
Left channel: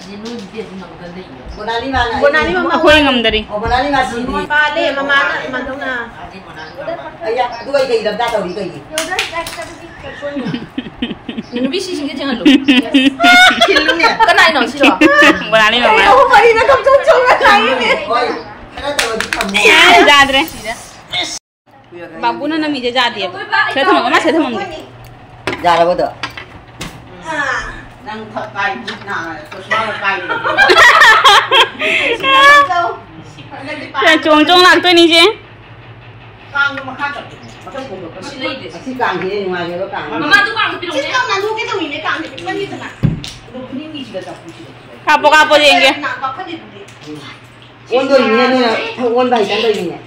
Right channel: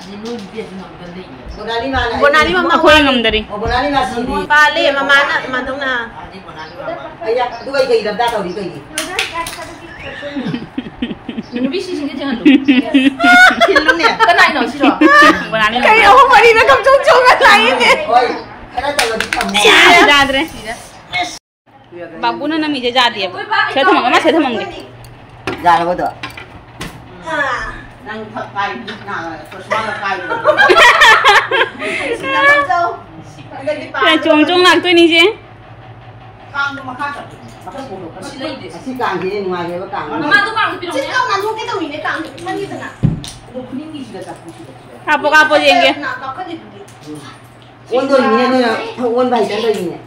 Jadi nu dia tu nak benda ini. Bonali mana? Bonali mama. Ako yung ngamdari. Oh bonali nasi di. Bale, mama na, madong na. Jadi mana lu aman. Ayah, tu kai kai dah tahu di kai. Ini bisa sih jangan tu. Kilom ni. Kan naik nong sih. Wala ni Kaya mama. ako pa rin nakapchong-chong na tayo eh. Oi, kana tahu di kamu. Jadre. Babu na nami jadi ya. Saya tu mama, saya tu mama. Jara ko to. Nang kai na, terus mana kai. Saya cong-cong nak tu ni je. Kang tu makan tak? Makan pun tak. Si lady. Asi kang dia ngoài dia kang. Mama tu kang pinong. Sino kang nandu kita ini kang pinong dito na. Lu ni sudah tak pusi. Kapo-kapo je yang Na, baka dito. Ôn tôi nhìn này, ôn bài chán tôi nhìn này.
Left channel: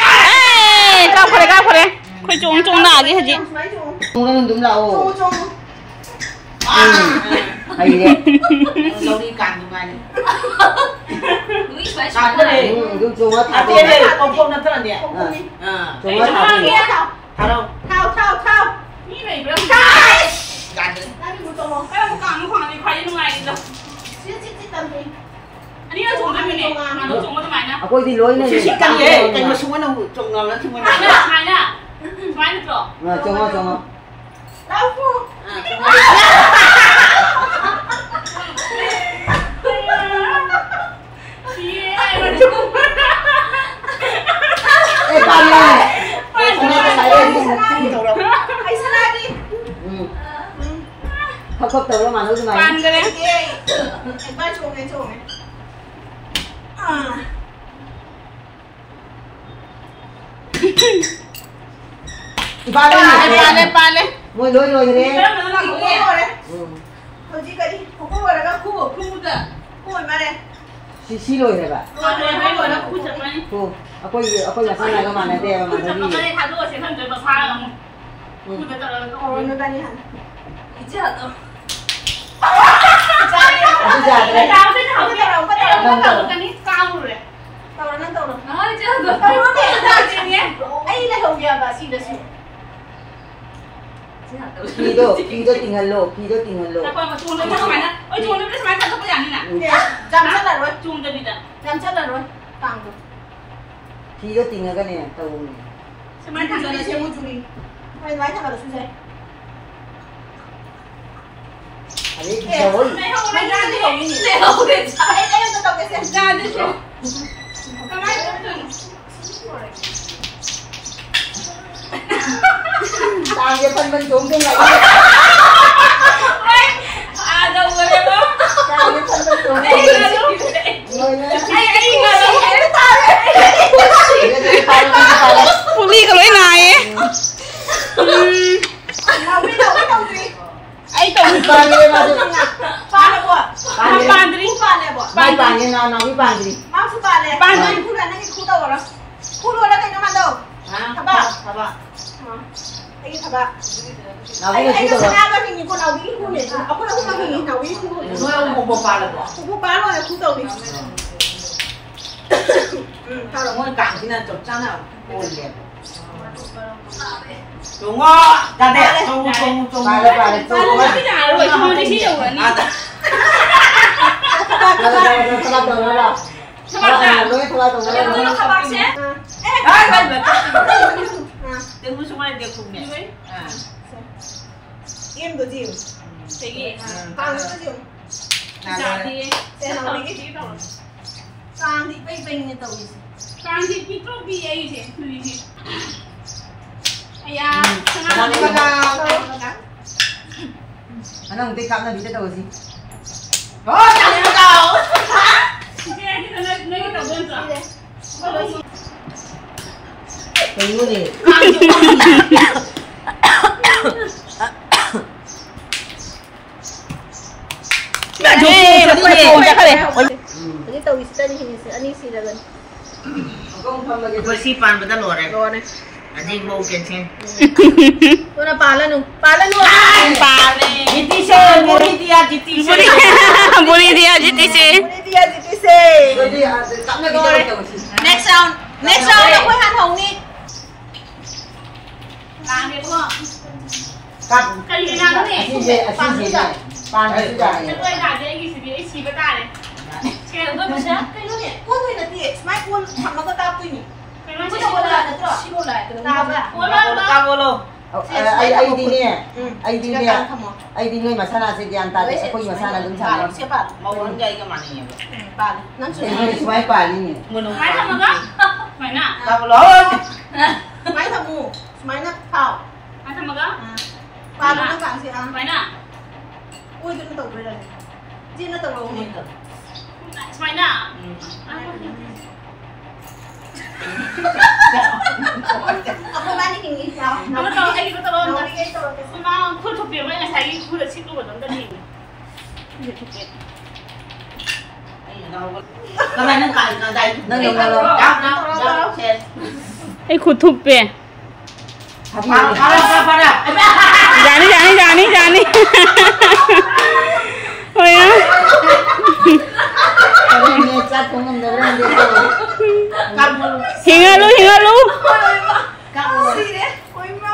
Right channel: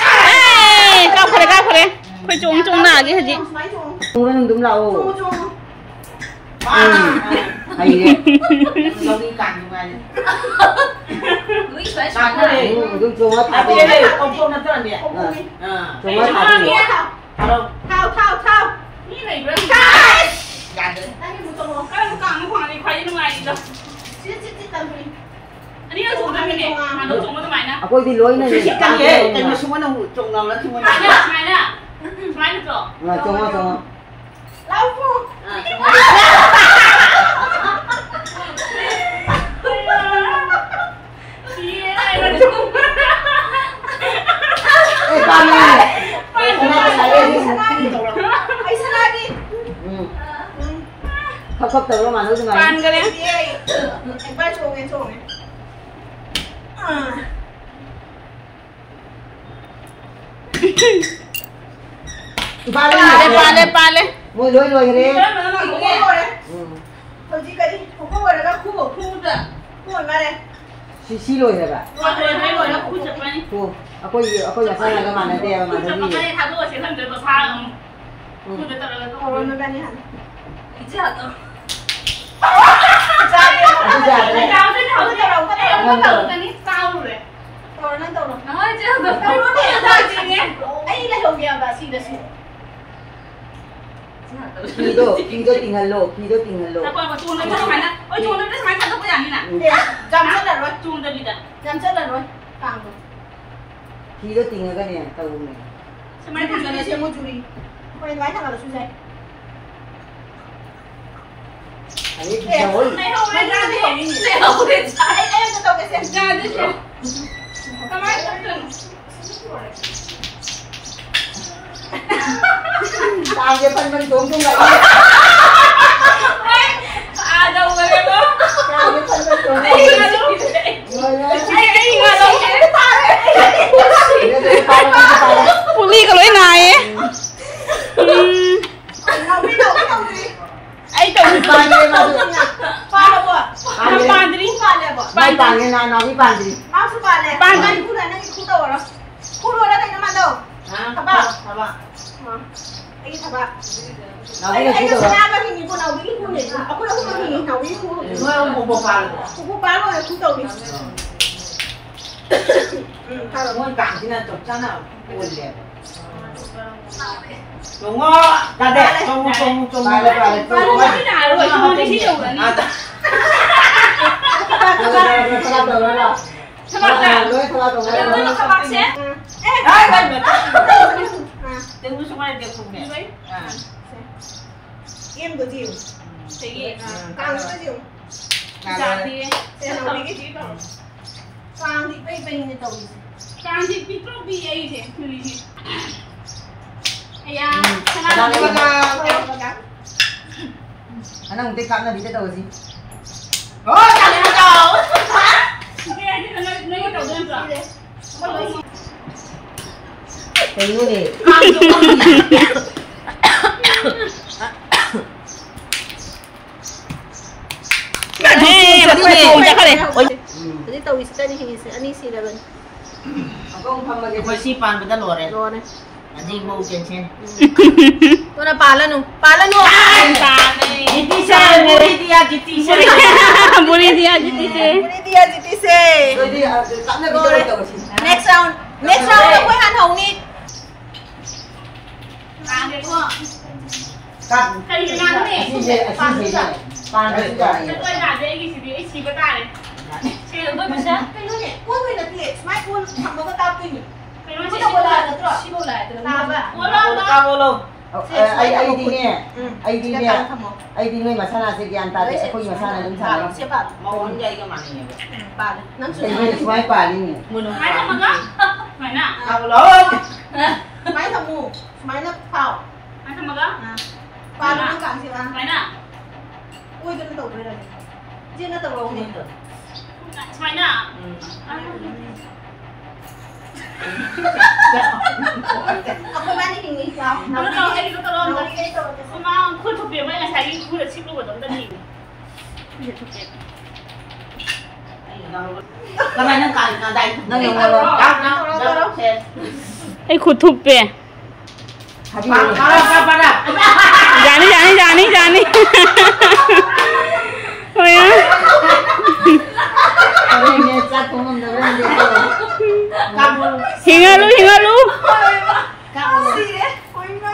Eh, kau kore. Kau cong-cong nak lagi haji. Ôn đúng là ô. Chong. Hay đấy. Lu ni kang tu kan. Luis phải Kang chọn này. Đúng chung hết. Tapi ni kompon nanti ni. Chung hết thảo đi. Kalau Thao. Ni này bro. kan. Anh một chồng. Kau kang ni kau ni kau ni ngai dah. Chị tầm đi. anh đi xuống đây này mà nó xuống cái mày nè Aku di luar ni. Kan dia, kan semua nak trồng nào nó semua mày nak. nè mày nè mày được rồi Nah, cuma. lão phu Pan ni. Saya ni. ai sẽ ra đi Khóc từ mà nó cái pan này. cái đấy anh ba chuồng này Pan đi. Môi lôi lôi đi. thôi chị cái đi không có người là khu ở khu rồi khu ở mà đây Xí lôi này bà. rồi thấy rồi nó khu chụp này Tu. Aku yang sana ke mana dia khu chụp mana cái ni. này thằng tôi sẽ thân với bà pha không khu chụp tao là nó nó ra đi hẳn chị hả tôi Aku jalan. tao cái này cao rồi tao nó tao rồi nói chứ tao nó để ra chị nghe ấy là hồng kia bà xin được xin Pido tinggal lo. tao coi mà chuông nó mày nè ôi chuông nó mày thật có dạng như nè Jam chất là rồi, chuông tao đi đã jam chất là rồi. Càng rồi. Pido tinggal kan ni tahu ni. mày thằng Giờ này chơi mua chùi. Quay lái thằng là suy dây. Ini bisa oi. mày không Mày ra ra đi đi hồng hổng gì Để hổng để chạy. Em tao tao cái xem. ra đi chứ tao mày đừng Tao dia pan xuống cái này. à đâu rồi em đó Tao dia pan xuống. ấy là đâu Ngồi lên. ấy là đâu Dia kepala. Puli kalau ini naik. Nào biết đâu gì. ấy tao Pan dia masuk. Ba là bộ. pan đi Ba là bộ. Mai panggil nak pan dia. Mau số ba là. Ba là khu này nó như khu đâu rồi. Khu đâu đó này nó mà đâu. Thằng ba. Anh thằng ba. Anh Nak có kita xem ba hình của nào cái khu này. Aku đâu có hình nào cái khu. Mau mau pala. Khu ba là khu đâu đi. Tao là ngôi cảng thì là chụp cho nào. Ôi đẹp. Đúng không? Ra đẹp. Trông. Pala. Không cái nào rồi không đi xíu rồi nè Salah tu lah. Salah. các bác sẽ Đấy, vậy. đừng có xung quanh đẹp cùng nhỉ Em có gì? thế gì Càng có gì? dạ thì Xem nào cái gì đâu. Càng thì bay bay như tàu gì. càng thì biết đâu bị ấy thế ai à Salah ni bakal. Càng. Anak untuk kamu bisa tahu sih. Rồi, chào đi bắt đầu. cái này đầu đơn giản Tengok ni. Jadi tahu isi tadi ini sih dah ben. Aku umpam lagi. Kau si pan betul luar eh. Luar eh. Adik bau kensin. Kau nak palan tu? Palan tu. Jiti saya, buli dia jiti saya. Boleh dia JTC. Buli dia jiti saya. Jadi tak nak kau tahu sih. Next round là quay hàn hồng đi. làm được không Kat. cái gì làm thế Sini. Pan sudah cái ni. tôi làm thế cái gì chỉ có tài này chơi được tôi mà sao Cái lúc này cuốn người là tiệt, mai cuốn thằng nó có cao kinh nhỉ? cái nó Cuốn chỉ đâu có là là được rồi. Siapa lah? Cao vậy? cuốn lên đó Cao luôn. ID ni. ID ni. Cao không? ID ni masalah sekian tadi. Aku yang masalah dum sana. Siapa? màu nó dây cái màn này Ba. Năm số Ini semua pali ni. máy thằng đó phải nè Cao lớn. Máy thằng mù, máy nó cao. máy thằng đó Ba nó càng gì à? máy nè Ui tôi nó tàu đây này. Riêng nó tàu lồng này. máy nè Aku kan ini nih, sao? nó tao cái nó tao Nó luôn cái tàu cái. mà khui thuộc biển với ngày thấy khui là ship luôn ở đây Cái này nó cài nó đây. Nang yang lawan. Đó. Ay kutub pe. Habis. Pada. Jani. Oh ya. Kalau ni cat kamu dah berani dia. Kamu. Hinga lu. Kamu sih deh. Oi ma.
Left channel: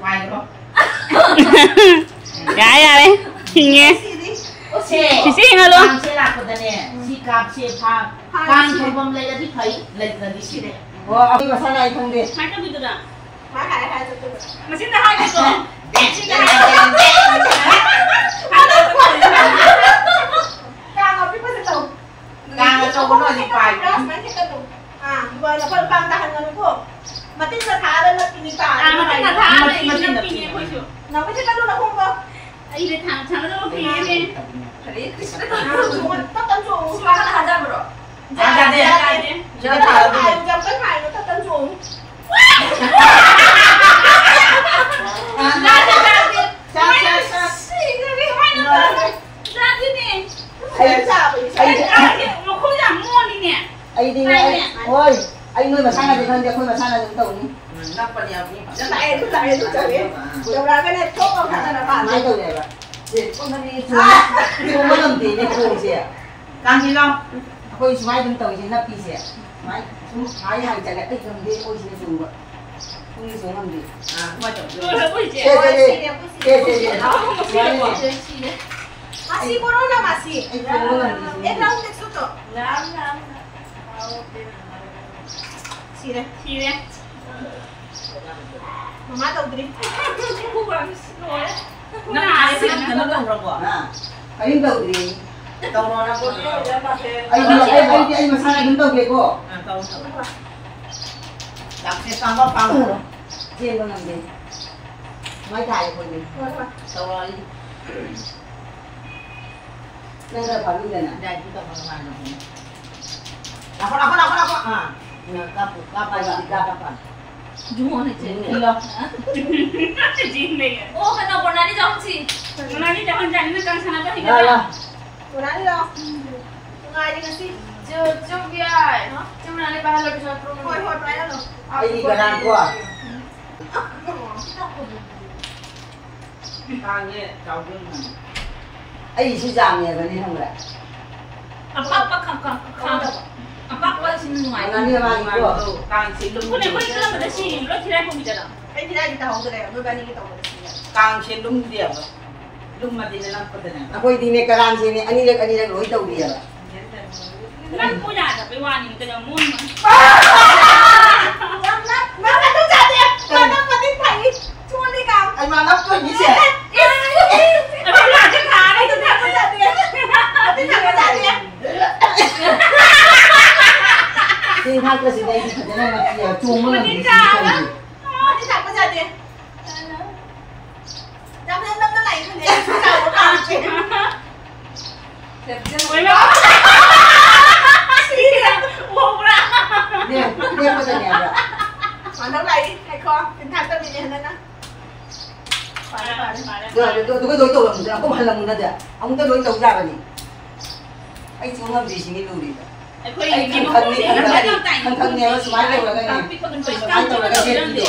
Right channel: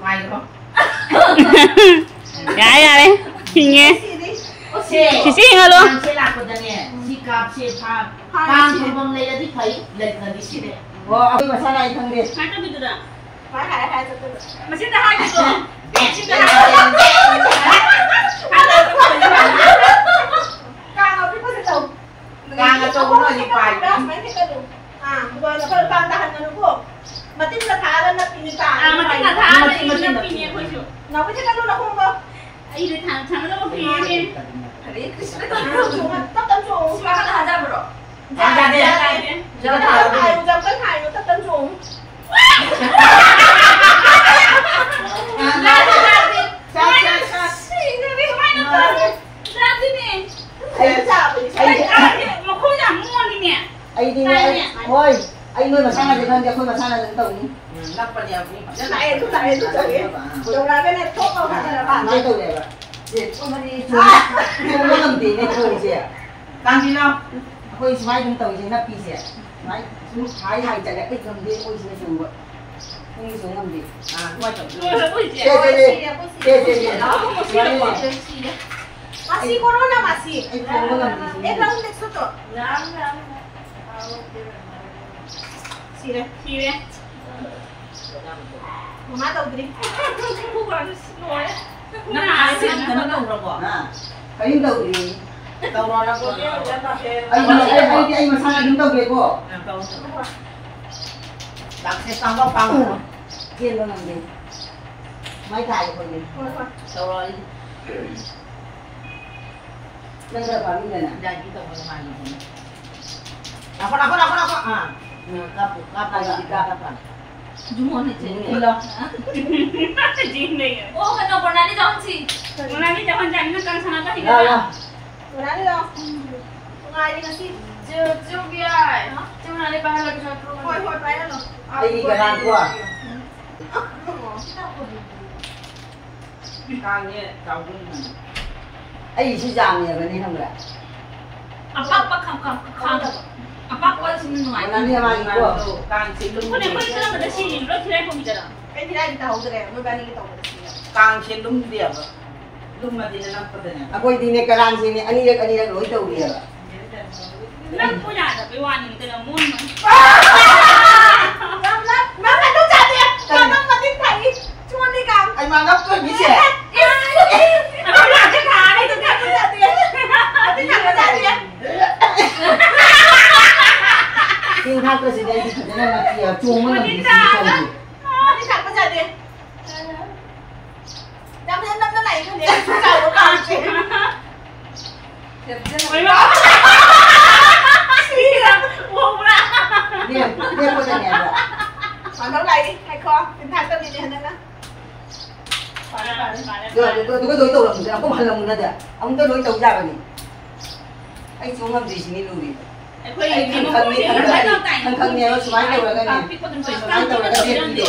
ngoài đó Dạ đấy. Hinga. Sih deh. Cici ngalo. Saya lakukannya. Sikap siapa? Kang kembang lagi di kai lagi di sini. Wah, aku masalah itu deh. Macam itu dah. Hai tu. Mesin dah habis tu. Mesin dah habis. Kang apa pun tahu. Kang itu pun di kai. Macam tu. Bukan apa kang tahan dengan aku. Mati sudah tahan nak ini kang. Mesin dah habis. Mesin dah pilih aku tu. Nak macam kalau nak kau. Ini dah thang dah pilih ni. Hari Krishna tak tentu. Sekarang ada bro. Ada dia. Jangan hai, jangan kan hai, tak tentu. Ôi, anh nuôi mà sang là được hơn, không mà sang là được tổng. Nắp vào nhà đi. Lại tôi chơi. Đầu ra cái này thuốc không phải là bạn. Mấy câu này vậy. Con đi không có làm gì nên không gì. Đang đi đâu? Ôi, mai chúng tổng thì nắp đi gì? Mai, chúng thái hàng chạy lại tích làm gì? Ôi, gì dùng vậy? Không đi xuống làm gì? Ngoài chỗ. Masih corona masih. Era un texto. Sí, deh. Sí, ve. Mama tahu diri. Bukan semua. Nah, sih kan nó đâu rồi. Nah, cái đầu thì đầu nó có. Anh mà sang chúng tôi về cô. Đặt xe sang bắp phăng. Thiên con làm gì? Máy thải của mình. Sau rồi. Đang ra khỏi bây giờ nè. Đây chúng ta vào màn. Apa? Kapal. Cuma ni je. Ilo. Jin ni. Oh, kena pernah ni jangan si. Pernah ni jangan jangan kan sana kan tinggal. Lah. Mana ni dah? Sungai ni nasi. Jom biar. Jom nanti pahala di sana. Hoi pernah dah. Ai cái đàn của. Càng như cháu với mình. Ai chỉ giảm nhỉ vậy không vậy? Apa khang. Apa sini sungai. Nó đi mà của. Càng chỉ đúng. Boleh jalan pada sini. Lo kira aku bicara. Ini dah kita tahu deh. Berbanding kita tahu deh. Càng chỉ đúng điểm. Đúng mà đi lên có thế này. Aku ini keran sini. Ani dah lối tàu dia. Nak punya ada pewani kita yang mun. Lắm. Má phải đúng chặt đi. Nó tin thầy. Chua đi cầm. Anh mà nắp tôi như thế. Aku nak cakap hari tu dia Đúng chặt đi. Tin thầy chặt đi. Tin thang cơ sĩ đây thì thật ra là kiểu chuông mới là gì Tin thầy chặt đi. Năm nó này cái gì? Chào nó cầm chị. Oi ma. Wow lah. Dia có thể nhẹ rồi. Mà nó này hay kho. Tin thầy tâm đi này nữa. Rồi tôi có đối tàu làm gì? Ông có bàn làm gì nữa? Ông tới đối tàu ra rồi nhỉ? Anh xuống làm gì xin đi luôn đi. Anh thân nhà nó smile đâu là cái này. Smile đâu là cái gì đi.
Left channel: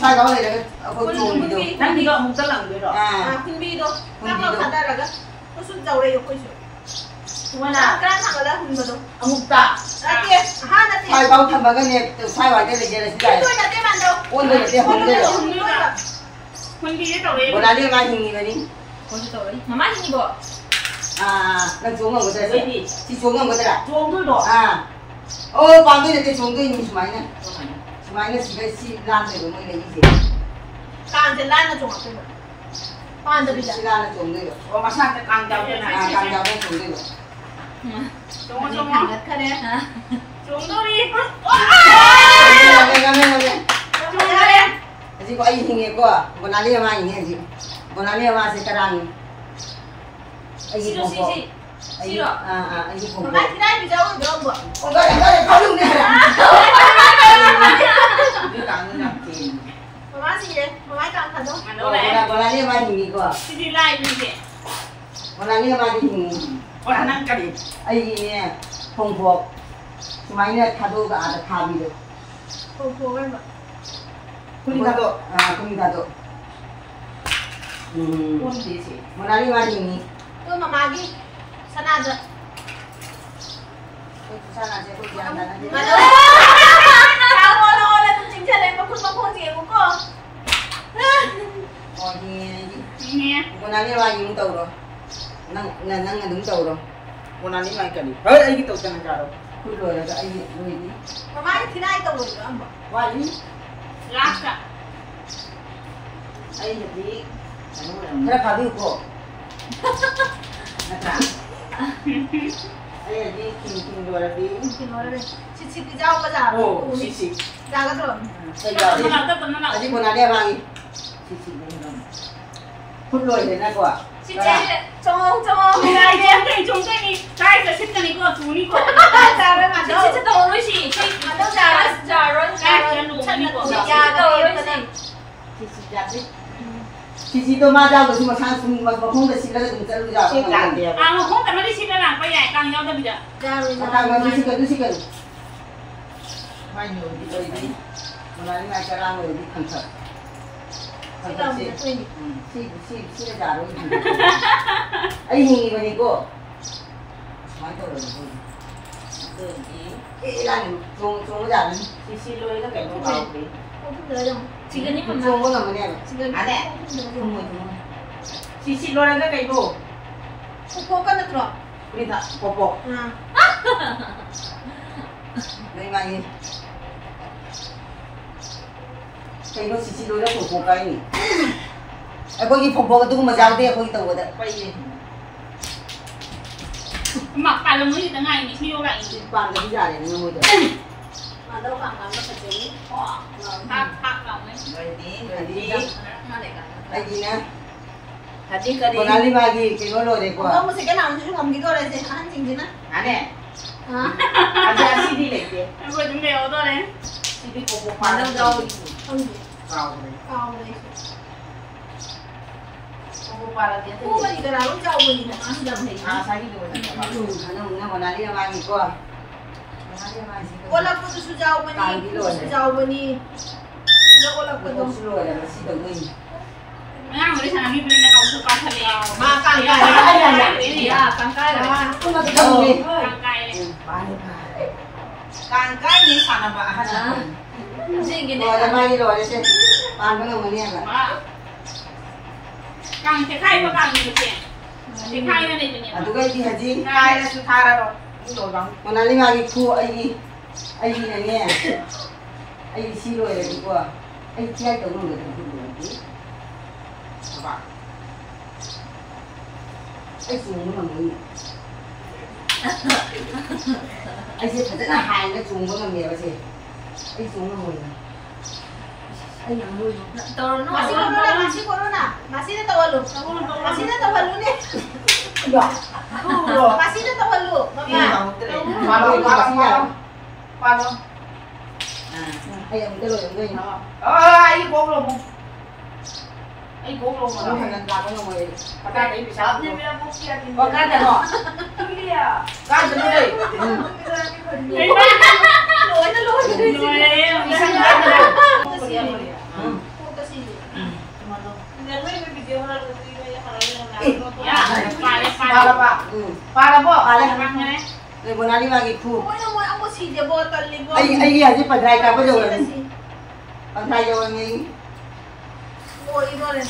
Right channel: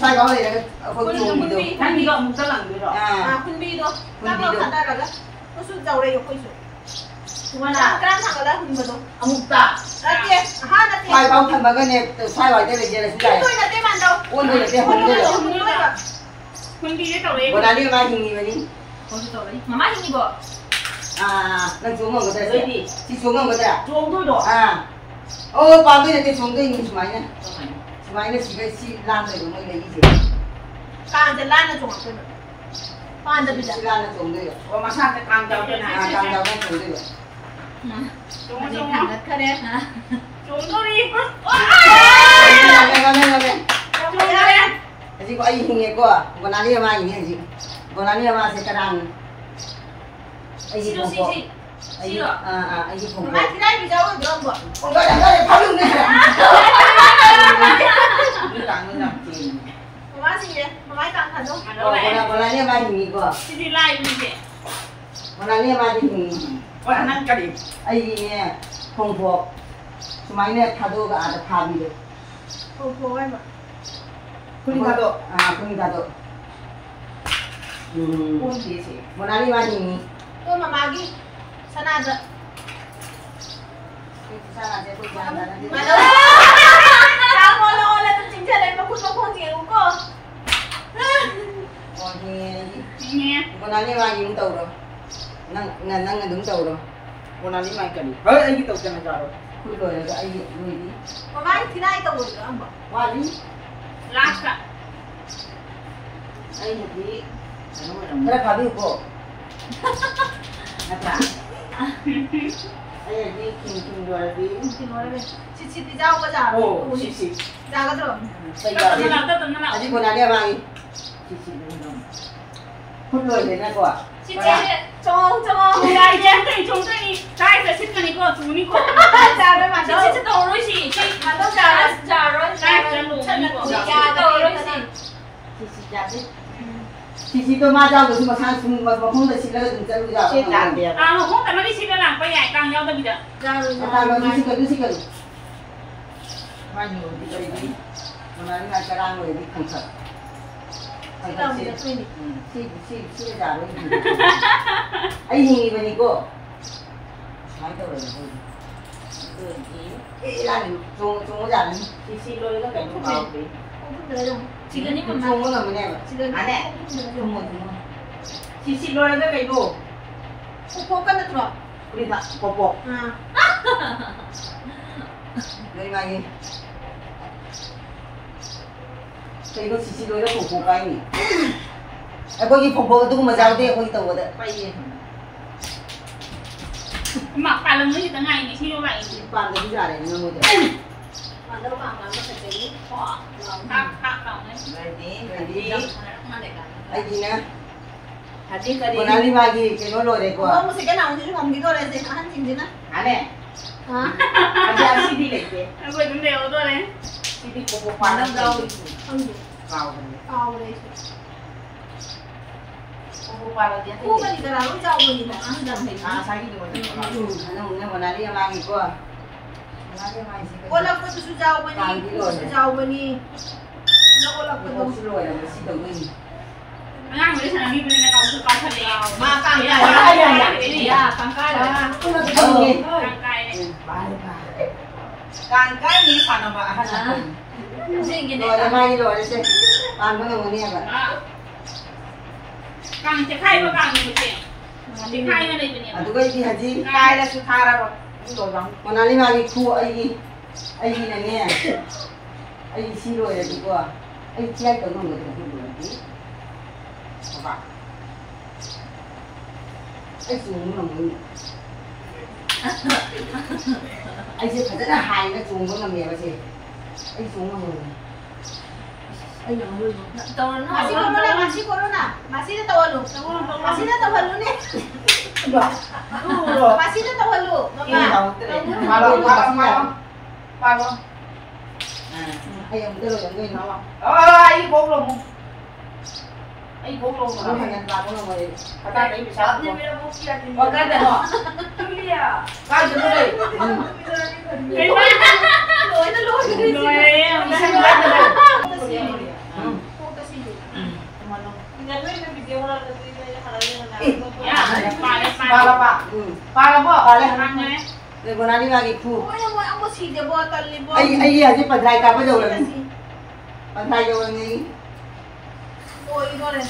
Sai có này là cái chuông đi đâu. Đang đi gọi một tơ lẳng rồi. Kun bi đâu. Các bạn khán giả rồi đó. Có sự giàu đây có sự. Cái thằng ở đó hun đâu. Ông ta. Đó kia. Đó kia. Sai bao thằng mà cái này sai vào cái này là cái Tôi là cái bàn đâu. ôn rồi cái hồn rồi. Mình đi cái tàu đấy. Bữa nay đi mai hình gì vậy đi? Con tàu đấy. Mama hình gì bộ? Đang xuống ngầm cái đấy đi. Chị xuống ngầm cái đấy à? Xuống thôi rồi. Ô, bao nhiêu cái xuống cái nhìn máy này. Máy này chỉ cái xi lan này của mình là gì? Càng chân lan là trồng rồi. Càng chân Xi lan là trồng đây rồi. Ô mà sao cái càng giàu thế này? Càng giàu đang trồng đây rồi. Xuống thôi đi. Lên. Chị có ai hình nghe qua? Còn ai đi mà hình gì? Còn ai đi mà sẽ karang. Ai gì cũng có. Ai gì cũng có. Mà cái này bây giờ có được không? Con cái phá luôn đi. Cứ càng nó làm gì? Mà gì vậy? Mà càng thật không? Còn ai đi mà hình gì qua? Đi lại đi chị. Còn ai đi mà hình gì? Còn năng cái gì? Ai gì nè? Không có. Máy này thà đâu cả là thà gì đấy. Không em ạ. Kuning kato. Monali mani ni. Tôi mà magi. Sana aja. Sana aja kau jangan nanti. Ano? Kamu olah tu cincin dari makut dia ko. Oh ni. Nghe. Monali mani yung tau ro. Nang नहीं मार करी हर आई की तो चना जा रहा खुद लो है आई लोई दी मम्मा ये थी ना ये तो बोल रहा हूँ वाली लास्ट का आई दी तेरा खादी को अच्छा आई दी किन लो दी किन वाले चिची दी जाओ बाजार ओ चिची जागा तो सही बात है अजी बना लिया मांगी चिची खुद लो है ना को चिची चोंग चोंग 来人对中对你，来这是跟你个助你个， जावे मा 这这都瑞是，这 तो जावे जावे 来人路你个， जावे 都瑞是。 चिची तो माँ जाओ तो मसान सुन मत मखों तो सिला तो तुम चल जाओ 啊，我红的那里去了啦，不然刚要的不的。 जावे Kang nggak sih kalau sih kan, mana di sini, mana ni acara orang di kantor. Kantor si jaro ini. Ayo ni bani ko. Mana tu orang? Lan chung jalan. Si loy lah kan kau ni. 지금 이 chung mana mana? Ada. Si loy lah kan kau. 포포 kan terus Ini tak popok. Mấy mày cái nó xì đôi nó phục cái nhỉ có gì phục vụ tôi mà giao tiền có gì tàu đấy quay mặc phải là mới từ ngày đi siêu vậy. bàn cái giả này nó mới được mà đâu mà nó phải chịu Họ phát đầu đấy. đây đi ai gì nè còn ăn đi mà gì cái nó rồi đấy không có cái nào chứ không cái coi này gì ăn gì nữa ăn nè hả ăn ra CD này kìa Em vừa chuẩn bị ô tô đấy. CD phục vụ bàn đâu đâu không gì vào cao đây phục vụ bàn là tiền cô cái gì cái nào cũng trâu mình thì ăn đầm hình à sai cái gì mà nó còn ăn đi mà gì cô cô lập cái su trâu mình su trâu mình nó cô lập cái nó xin lỗi là nó xin đầu mình Ngang với thằng đi lên cầu sư con thật là mà càng cay dạ càng cay là không là cái gì càng cay đấy. càng cái gì phản là bạn gì cái rồi là này bay rồi đấy chứ bạn có người nghe mà càng thì khai và càng nhiều tiền thì khai ra đây nhiều tụi cái gì hả gì cay là su tha ra rồi rồi bằng còn ăn đi mà đi thu ai này nghe ai xin lỗi là đi qua ai chơi tới người thì không được tí các bạn ai xuống nó mới anh sẽ phải rất là hài nó xuống nó làm mèo gì anh xuống nó mới anh làm nuôi masih kono na masih ada tawalu masih ada tawalu nih masih ada tawalu mama Palo ay ang dalo yang gawin ai bông luôn ano hanggang lago na mo eh Pagka na ibig sabihin mo. Pagka na mo. Tulia. kasi dito Cái ba lôi nó lôi Isang lôi ganda lang. para po Ăn đấy. Để bữa nay đi vào kịp thu. Ano mo ang si de bottle ni bo. Ay ay pag dry ka pa daw lang. Pag dry daw lang ni. Ôi nó này.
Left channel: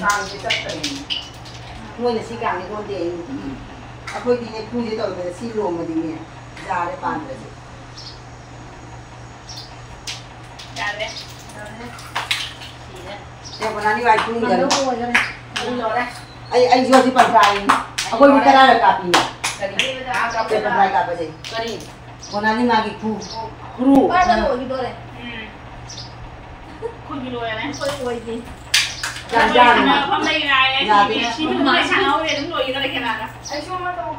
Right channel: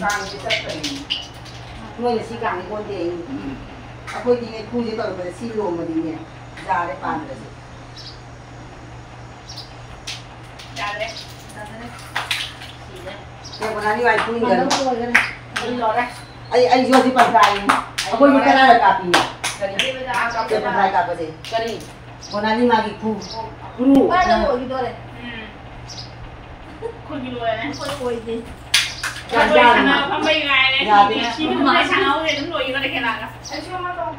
Càng cái chất này. Nuôi là si càng cái con tiền. Ako di ne thu dito pa si lo mo din niya. Dare pa na. Dale. Kaya bữa nay đi vào thu ni Ano gan. mo yan? Ano ra? Ay yo si pag dry. Ako di ka na copy. Hindi ba Kaya ako pag dry ka pa din. Kani. Bữa nay đi magi thu. Guru. Para mo dito re. Khuôn cái lùi này. Ôi đi. Dạ, Dạ dạ. dạ. Không bay lại đấy. Dạ, Thì dạ. chỉ muốn nói sang áo để đúng rồi nó đây cái nào cả. Ay siya man tawag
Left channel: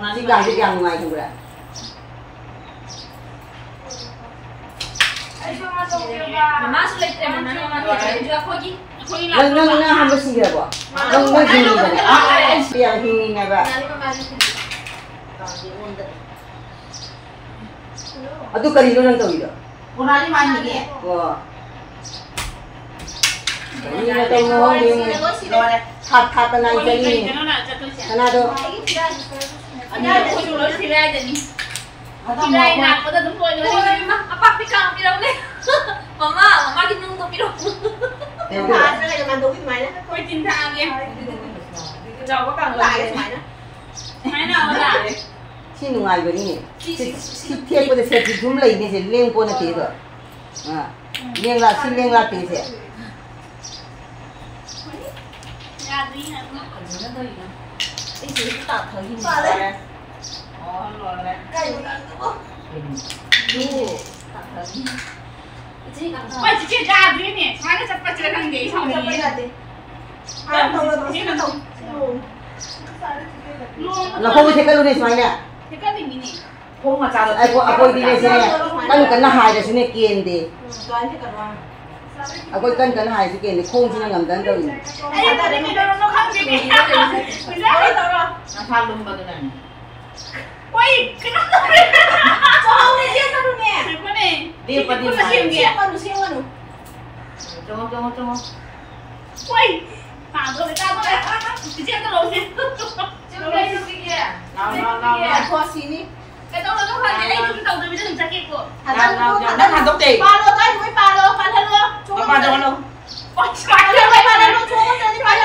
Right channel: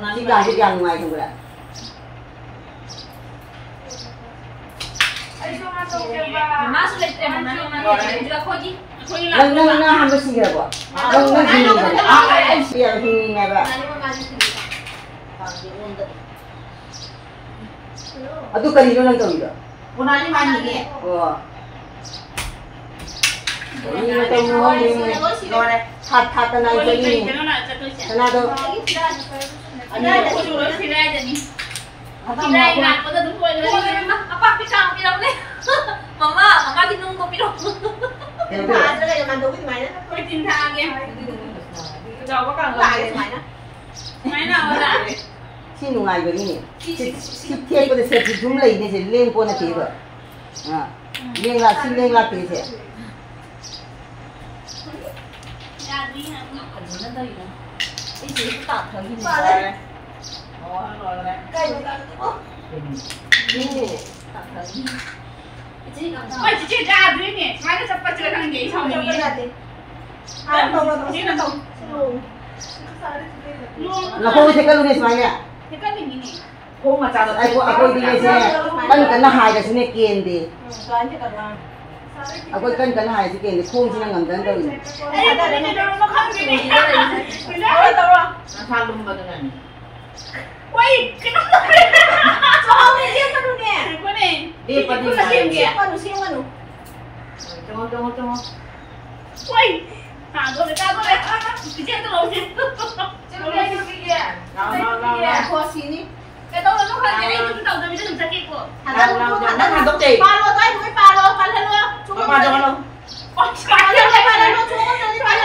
ko. Si gang ngay thu ra. Ay siya man tawag ba. Mas ulit tayo mo na naman. Hindi ako gi. Ako yung Lang lang. na hamba siya ba? Lang na hingi ba? Ay siya hingi nga ba? Ano man kasi dito. Ado kanino lang daw ito? Una ni man ni. Oo. Hindi na tayo mo yung hat-hat na Ôi, ang cái kanino. nó là cho tôi xem. Ano to? Anh đây là cô lối thì ra để đi. Thì đây là có đúng rồi nữa đi. Apa pikang pirang ni? Mama kinung ko pirang. Pero Ano ka naman daw mày đó. Ôi tin tha kia. giàu có cả người lại mày đó máy nào là Xin ngoài cái này thiết cái sẽ chúng lấy đi sẽ lên con tí rồi lên là xin lên là tí sẽ nhà gì nè nó đây nè cái gì cũng tạo thời hình vào đây cái gì tạo thời quay chỉ chơi ra dưới nè máy nó chặt bắt chơi thằng gì xong rồi là không thể cái luôn này nè thế cái gì nè không mà sao ai đi này xe cái hai là xin kiên đi cái hai sẽ kiên đi không chỉ là ngầm đến đâu nó không gì nè nó tham luôn vào cái này quay cái nó cho ông đi giết tao nè cái này đi qua đi xem qua đủ cho quay thả rồi người ta có đấy chỉ giết tao lâu chứ lâu đây cái kia nào khoa xin đi cái đó là nó hay đấy chúng tao tới bây giờ chúng ta kịp rồi thằng tóc gì ba lô tay mới ba lô ba lô chúng ba lô ôi ba lô ba lô chúng nó đi ba lô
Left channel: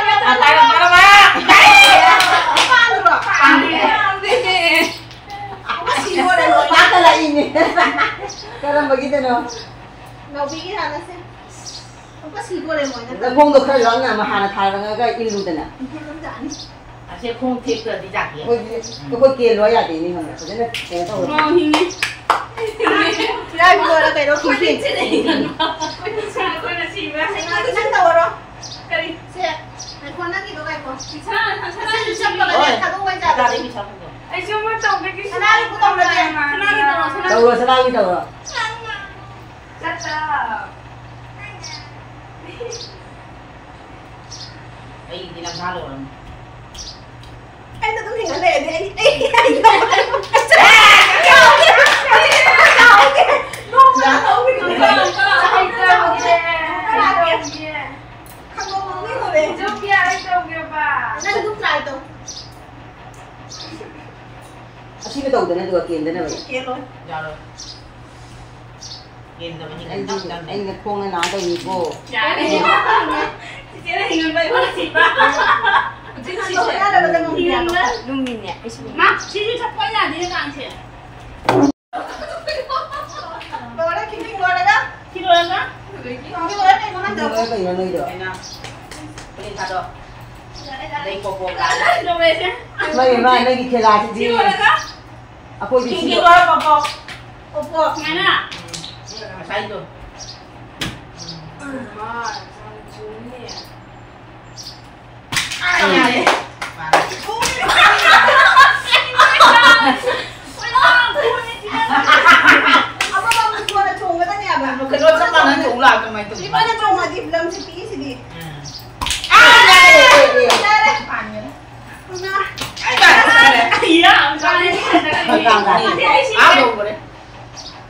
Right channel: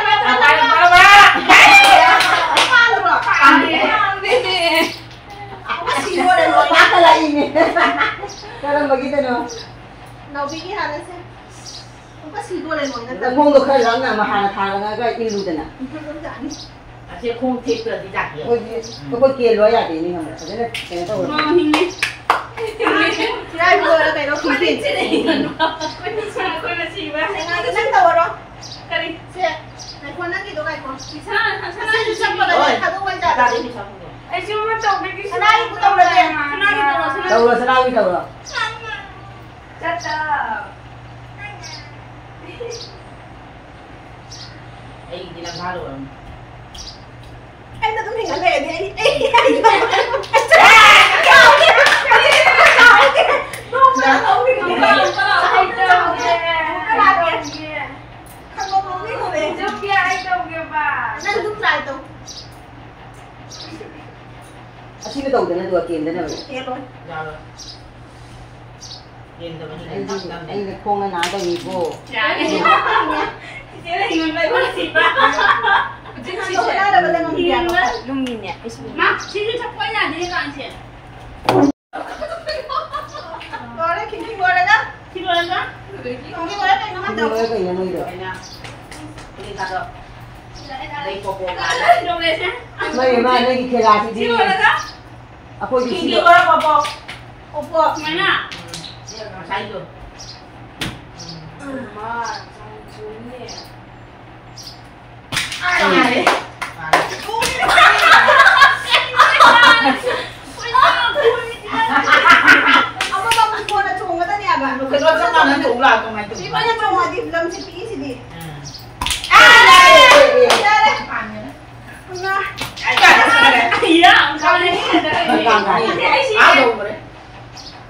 không có gì luôn rồi bắt cái này gì cái đó mà cái nào nó bị cái hàng xem không có gì luôn rồi nó không được khai lắm nào mà hàng thà là cái in luôn nè sẽ không thích được đi đặt gì có kia lối à thì nhưng mà cái đó cái đó ngon hình như đây vừa là cái đó không tiền chứ này quên là gì vậy anh cái năng tàu đó cái đi xe này con năng gì đó này con sao chứ sắp vào đây thằng ông quay ra ra đi xong rồi ai chưa mới tổng cái thằng này cũng tàu là tiền đâu rồi sao đâu rồi chắc là ấy đi làm sao rồi anh ta tấm hình ở lề đi xin đầu từ này được tiền thế này kia rồi rồi kiên rồi những anh là không nói đây nhỉ cô cái gì thế là hình vậy quá gì ba chị ra là bên ngông tiền Lung min ya. má chị đi chặt quay nhà đi làm chuyện rồi đấy kinh rồi đấy đó chị rồi đó còn cái đấy nó bắt đầu cái này nuôi được lên ra đâu đây cô cái đâu về thế đây mà đây cái là chị rồi đó à cô kinh chị kinh quá bò opo nghe nè mà sai rồi apa bang buat ada cung kata ni apa cái đó chắc là nó cũng là cái mày di banyak cung mah di dalam si pi si di nah iya sao đây áo đồ rồi đấy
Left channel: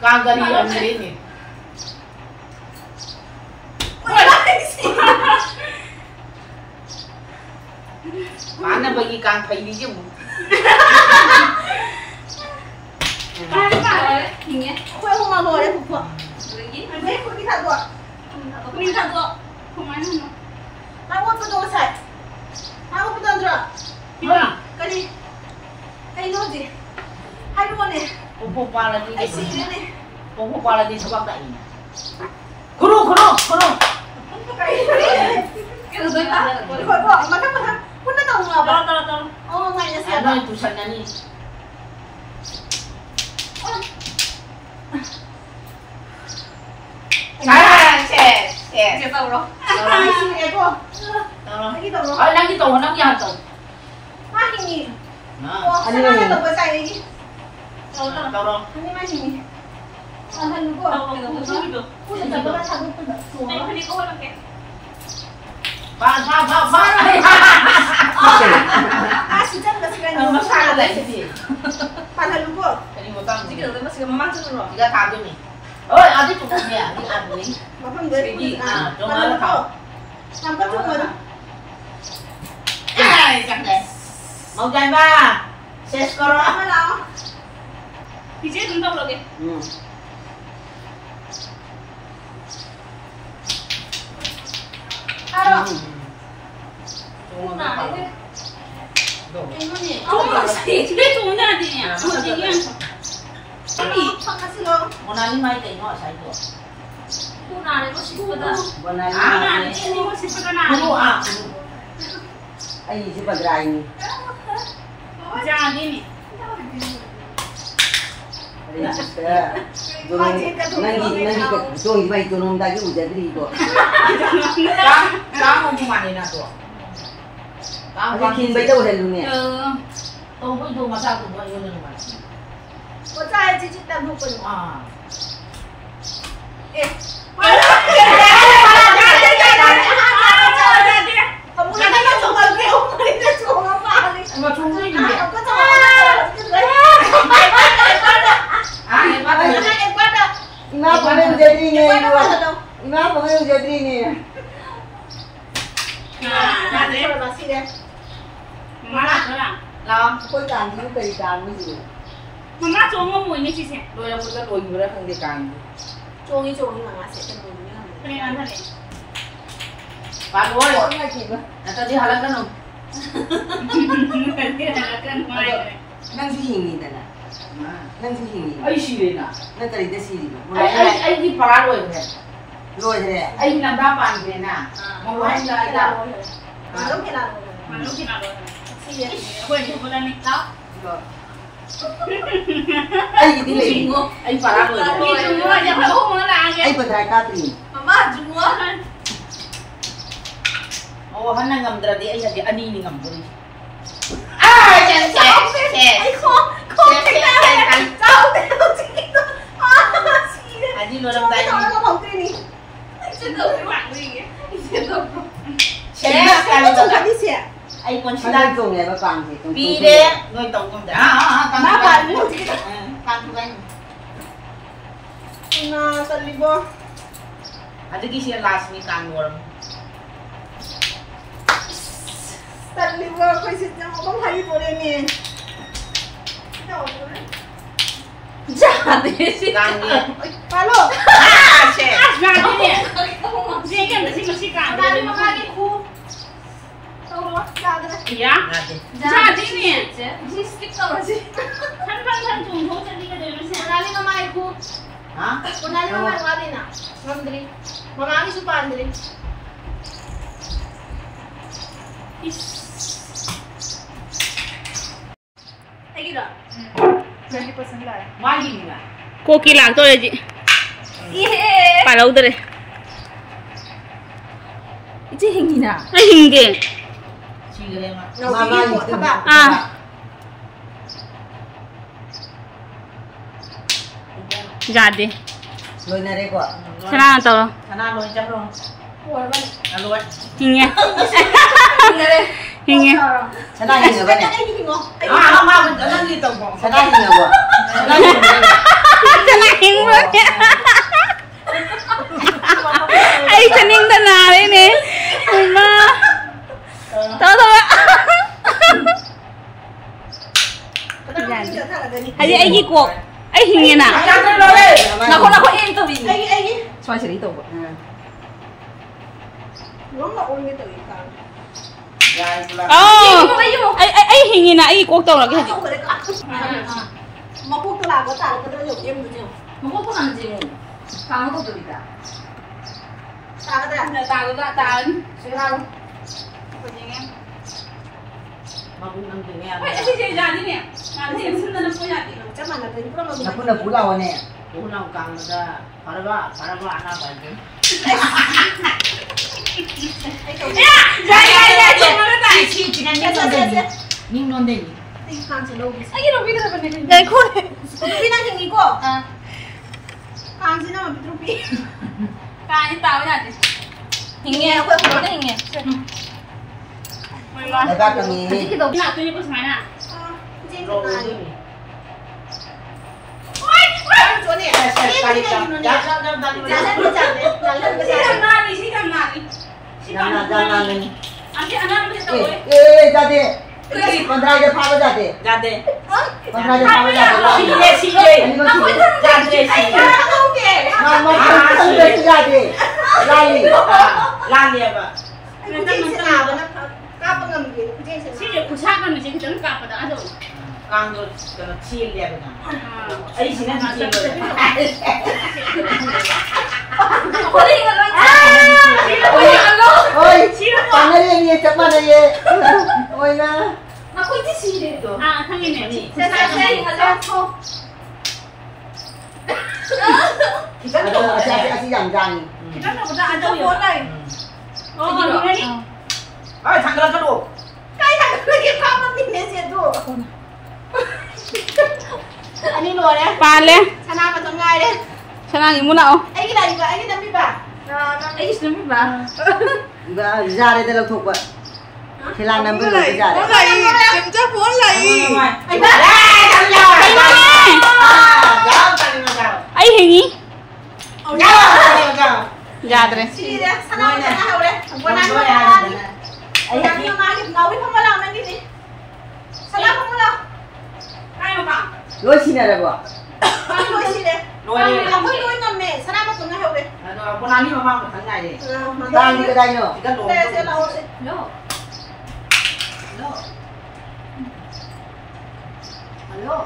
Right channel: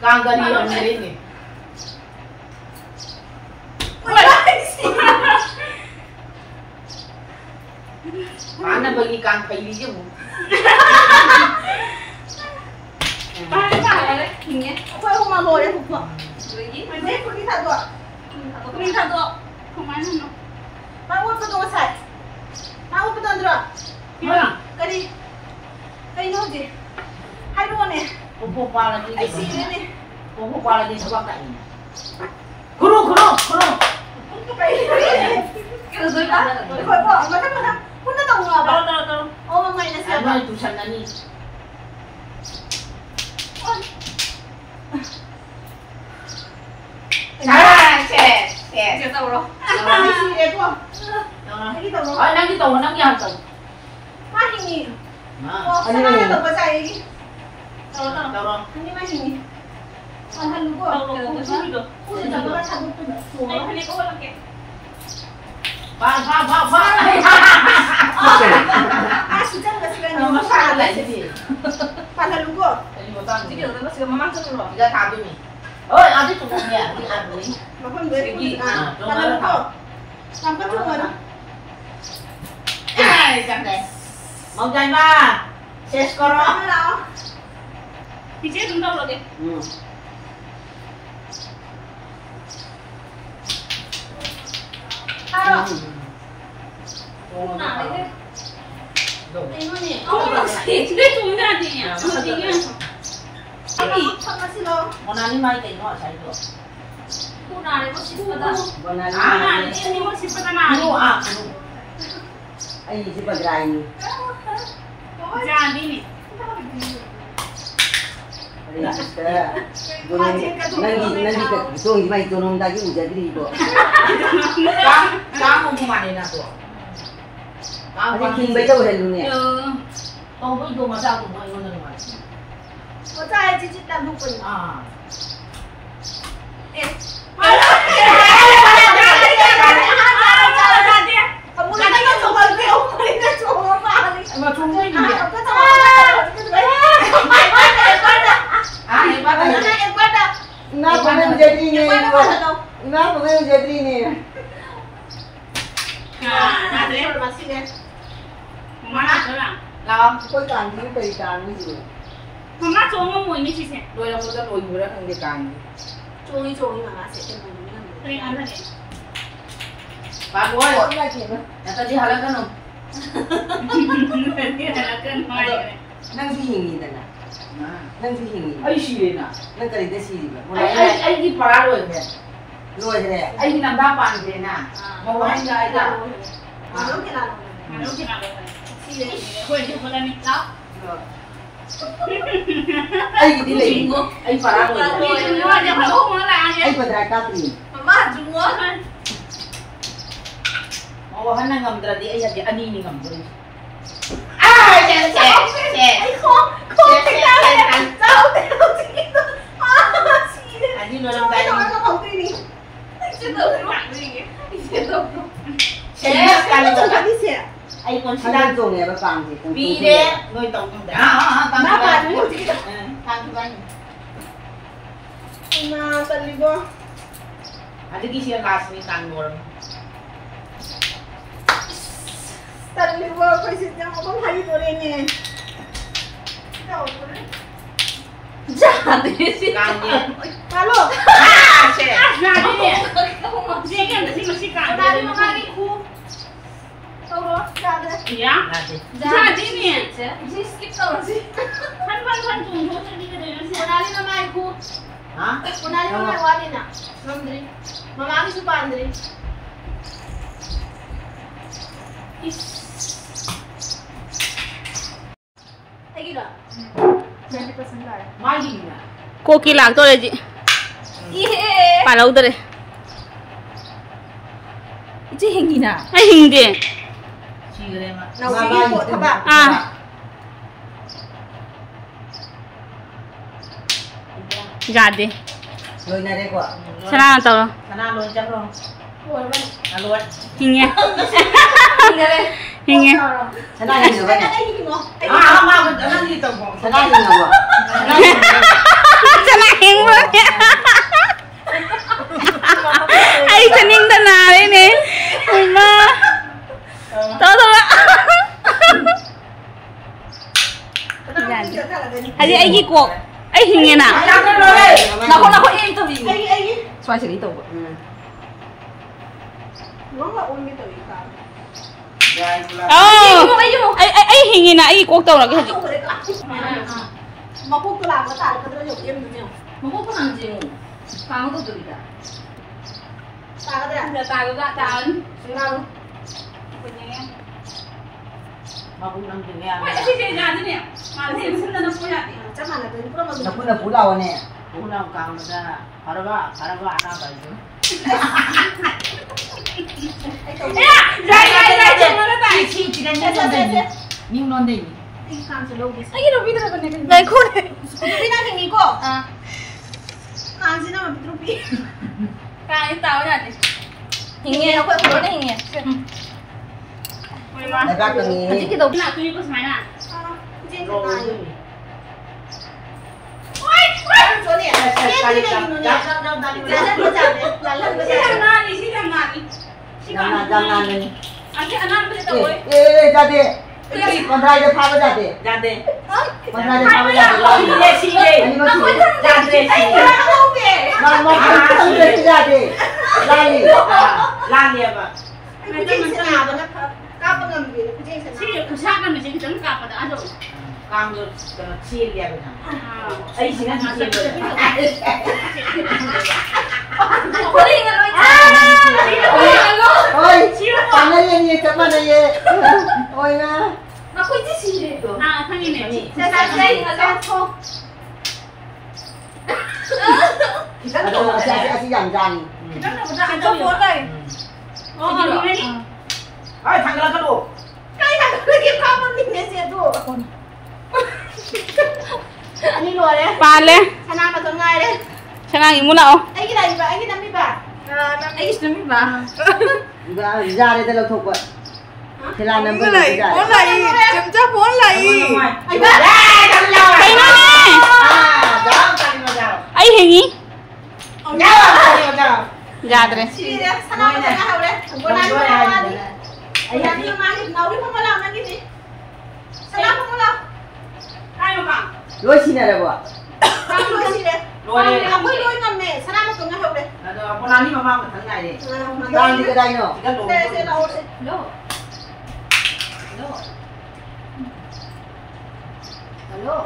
càng gần đi làm gì đấy nhỉ bán là bởi vì càng thấy đi chứ ba cái bà đấy nghe kue không mau rồi đấy phục phục đấy kue đi thật rồi đi thật rồi không ai nữa mau kue tu sai mau kue tu rồi cái gì cái nốt gì hai đứa này hôm qua là đi ai xí đấy này hôm qua là đi sao bác đại nhỉ khổ cái rồi đó khỏi bỏ mà thằng kun nó đồng ngờ đâu bà đâu đâu ô mày là sao anh ơi tụi sân đi chị tàu rồi cái gì đấy cô cái đồng rồi đang đi tàu đang đi hàng tàu mai hình gì đó sao mai đồng có sai gì tàu rồi anh đi mai hình gì anh thân của đâu đâu không biết được ui trời ơi nó thằng của anh phải đi cô làm kẹt phá à chị chắc là chị nó nó phá sai lại đấy cái gì bạn thân đúng của cái gì mà cam chị kiểu nó sửa mà mang chân rồi cái cam cho mình ôi ăn đi tụi mình đi ăn đi mà không biết gì à trong bạn đó là thân của làm cái chung rồi đó ai chẳng đấy mau chạy ba xét có đó đó mới đó thì chết chúng đâu rồi kìa à đó Hãy subscribe cho kênh Ghiền Mì Gõ để không bỏ lỡ 이게 좋은 아들이야. 어디야? 원하는 말 되는 거 사이도. 호나를 싶거든. 원하는 아, 이거 싶거든. 그거 아. ai chỉ bật lại 자디니. nanti tuang gimana itu nong dagi udah beri itu. Kamu kemana nak tu? Kamu kin baca udah lu ni. Kamu pun tu masa aku buat ini mana? 我在继续等不滚。 Ah. કોઈ કાંદી કરી કાંદી છે妈妈做我妹妹之前， Đôi là một cái đôi người không đi càng. 终于嘛，写的不一样。 对啊，那里。 Bạn ơi, 我应该记得 là tao đi học là cái nào? năng suy hình gì này năng suy hình gì Ai xì lên à? năng cái gì xì gì mà Ai đi phá rồi kìa. rồi thế này Ai làm ba bàn kìa nè. Mà anh là mà lúc nào mà lúc nào rồi? Quên chụp lên đi. Đó. ai đi lấy Anh phá rồi. Đi chung nữa, giờ phải ôm nó là ai bật lại cá tiền mà chúng nó Ồ, hắn đang ngầm ra đi, anh là anh đi ngầm rồi. À, xe. anh không thấy ra anh sao thế đâu chị Anh đi luôn tay. nó có phòng đi đi chứ đâu cái bạn gì ấy. Xe càng chúng ta đi xe anh còn nó đang dùng này nó bằng gì Vì đấy, người tổng công ty. Càng ba bạn càng anh. mà tận đi vô Ada kisah last week càng ngồi. tận đi vô coi xin nhau không thấy vô đây nè Dạ thế gì? Càng nhiều. alo À, xe. Dạ thế nè. Riêng em là xin một xin cả. ra đi mà đi khu đâu đó ra đây Dạ. Nè chị. Dạ thế nè. chị skip đâu rồi chị Thân trùng thôi chân đi cái đấy nó sẽ. ra đi mà mai khu Hả? ra đi mà mai qua đi nè mandri mama đi su pandri cái gì đó Mai gì nè. कोकी लाग तो रे जी पाला उधर है chị hình gì nào आई हिंदे Chị rồi em ạ. nào cái của thằng bạn आ जा दे rồi này đây quả सना तो Sana luôn chắc luôn. của bạn À luôn. Hinge hình đây Hinge sẽ đang nhìn ở bên này anh gì không À, mà mình nó đi tổng cộng. sẽ đang nhìn ở quả सना हिंग आई कनिंग तो ना रे ने उमा तो जा दे अरे आई की कोक आई हिंगे ना nó em từ gì anh xoay xử lý từ nó là ôm cái từ gì cả Rồi, chị 어 आई हिंगे ना आई कोक तो ना cái không phải cả mà cô cứ làm cái tài cái nó dùng em được nhiều Mà có làm gì không? Phá nó có gì cả. tài cái này Là tài của ta tài. chúng ta Mà cũng đang từng nghe. Vậy thì chị ra thế nè. Mà thì em xin nó phụ nhà thì. chắc là cái nó mà là cũng là phú lầu này Cũng nào càng mà ra. Phá nó nào phải chứ. Dạ, chị muốn nó tài. Chị đang nhắc lên. Nhưng non đi. đi khăn chỉ đâu đi Anh cái đồ video này này. देखो Rupi na kami ko. à Kanji na Rupi. Cái tao nhà thì. Hinge को तो Hinge đại bác là nhìn cái đầu Nào tôi có phải nào. Jin Rồi. na. Ôi, Chỗ này. Cái gì này nó nhỉ? Ra ra ra là lần cái Chị gì? làm nào đi, chị làm nào đi. Chị đang làm đang nào ăn đi. lên Anh chị ăn ăn bây giờ rồi. ra đi con trai cho phá nó ra đi ra đây. con trai cho phá nó ra đi Chị đây. Ra đây chị. Không kể. nó không được ra đi ra đi Ra liền ạ. Anh cũng chỉ là nó cao bằng ngầm gì. Sini kusak kan mesti kita ngap pada aja. Kang kena chill dia kan. Ai sini chill. Boleh kalau ôi thằng ấy như chấm vào đây ôi na aku itu sih itu. Ah, kan ini. Saya enggak tahu. kita tuh sẽ giảm dần Kita enggak pernah ada buat đây. Oh, ini ni. Ai thằng đó cái bộ. Cái thằng lagi apa nih nasi itu? Ani luar ya. Pale. Sana apa tuh ngai deh? Sanang imu nào. Ai kita ni ba? Ai kita ni ba? Ai Islam ba? ra đây tôi làm thuộc vậy thì làm nằm bên này ra Bốn lạy, chấm cho bốn lạy. Ai ba? Ai hình ý? Jangan. Jadre. Sini deh. Sana apa tuh ngai deh? Bukan apa ni. Ai yang ni mah ni ngau pun malam nanti ni. Sana apa malam? Ai mà bạn? lối xin này là bỏ Ang luar sini deh. Lối. Aku luar ngam ni. Sana apa tuh ngai deh? Con ăn đi mà mang một thằng này đi. đang đi cái đây nữa Cái đồ. Saya saya lawan. No. Hello.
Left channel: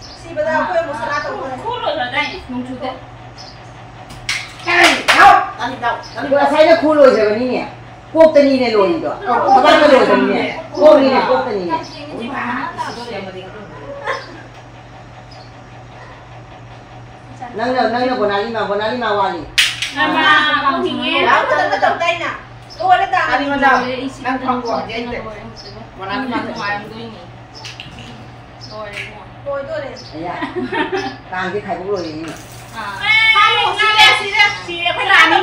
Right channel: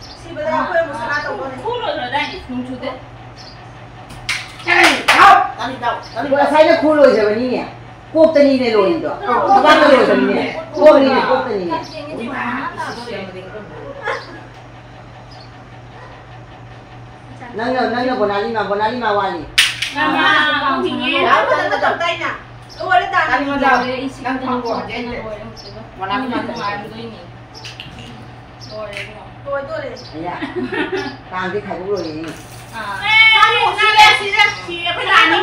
Si benda aku yang mau sana tahu ni. Khu rồi đây, nung chút đấy. Đâu? Ăn đi đâu? vừa say nó khu lồi rồi đi nè cốp tên đi này lồi rồi các bạn có lồi rồi nè cốp đi này cốp tên đi nè nâng là bọn ali mà wali Mama, không thì nghe. Aku tak tahu tay na. Luar dah Ăn đi tanah. mà đâu? Đang thong của vậy. Mà ăn đi mà không ai. Luar tu deh. đấy à càng cái thầy cũng lồi đi Kamu sini deh. Chị phải làm đi.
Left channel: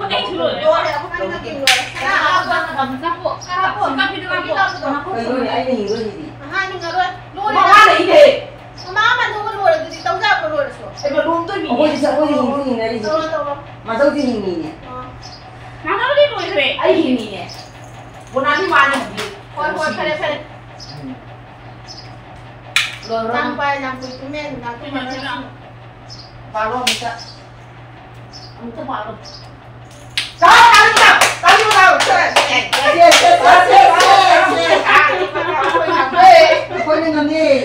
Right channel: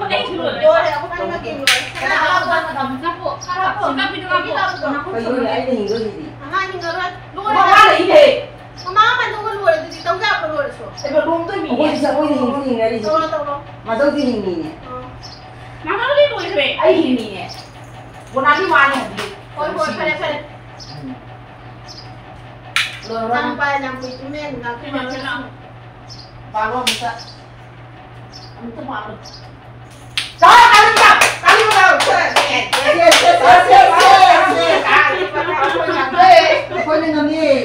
Có đấy chứ rồi. Luar deh. Aku kan lagi luar. Sana apa? Kapok. Kapok itu kapok. cái người ấy hình người gì Aha ni ngaruan. Luar Mà deh. ăn đi đi. Mama kan tu kan luar. Jadi tahu tak aku luar so. Em mà đúng tôi bị. ôi sao ôi hình này gì Tahu tahu. mà đâu thì hình gì nè Nó có đi rồi về. Ai hình gì nè. Con ăn đi mà ăn đi. Koi pare pare. Rồi rồi. Sampai lampu itu men, lampu mana? Vào luôn mình sẽ. Mình sẽ vào luôn. Trời ăn đi nào. Ăn đi nào. Trời. thôi nên làm gì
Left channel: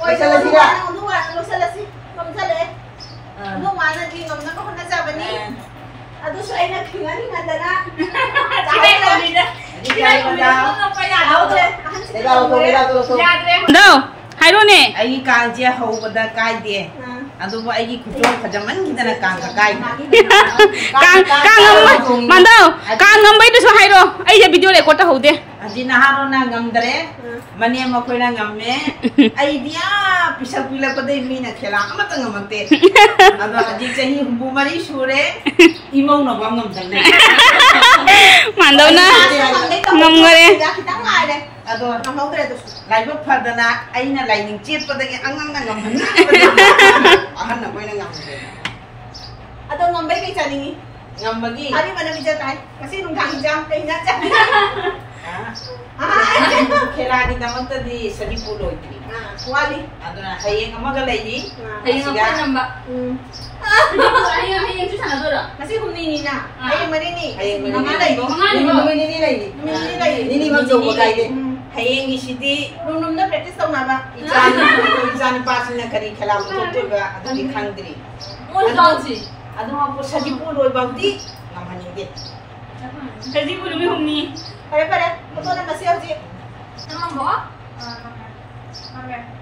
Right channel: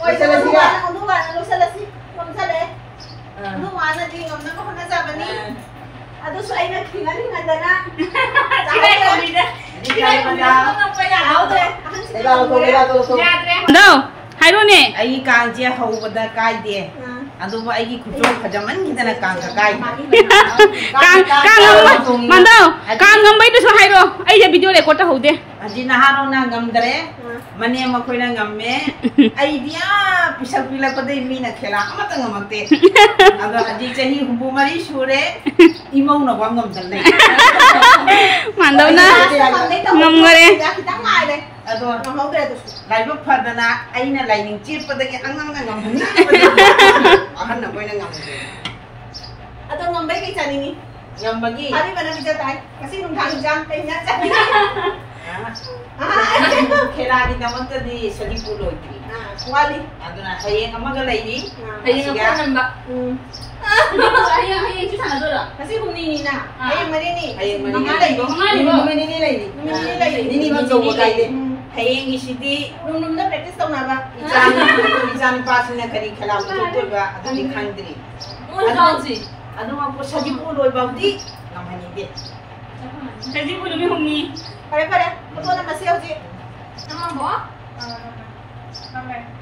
Oi, saya lupa, lu salah sih, kamu salah. Lu mana di ngom nak kau nak siapa ni? Aduh, saya nak kira ni ada nak. Chị đây còn gì đấy? Chị đây còn gì không phải là đâu thôi. để vào tôi Dạ đấy. Đâu? Hai đứa nè. Ai càng chia hậu bật cay đi. Aduh, ai kucing kajaman kita nak càng cay. Càng ngâm mà đâu? Càng ngâm bây giờ hai đứa. Ai giờ video record ta hậu thế. Aji naharo na ngamdare. Mani ama koi na ngamme. Ai dia pisal pila pada mi na khela amata ngamate. Ado aji chahi humbu mari sure. Imong na bam ngam dal. Mà đâu na. Ngâm ngare. Kita ngai deh. Ado Ngom hau deh tu. lai ba phadana ai na lai ning chit pada angang na ngam hani. Ahan na koi na ngam. Atau ngom baik macam ni. Ngam bagi. Hari mana bisa tay? Kasi nung kang jam kay na jam. Khela di damanta di sadi pulo iti. Wali. Ado na hayeng amaga lai di. Thấy nó có nằm bạc. Hay chú thằng nào rồi. Kasi humni ni na. Ay mani ni. Hayeng mani. Mangalay. ini này đi ini mang dầu một cây đi hayeng isidi Nung na practice tahu na ba? Ijan pas na kari khela mo to ba ado di khangdri. Muốn con gì? Ado ma po sadi pulo ba di ngam hani di. Cái gì cũng được không nhỉ? Pare pare. Betul na masih uji. Nó bỏ. Okay.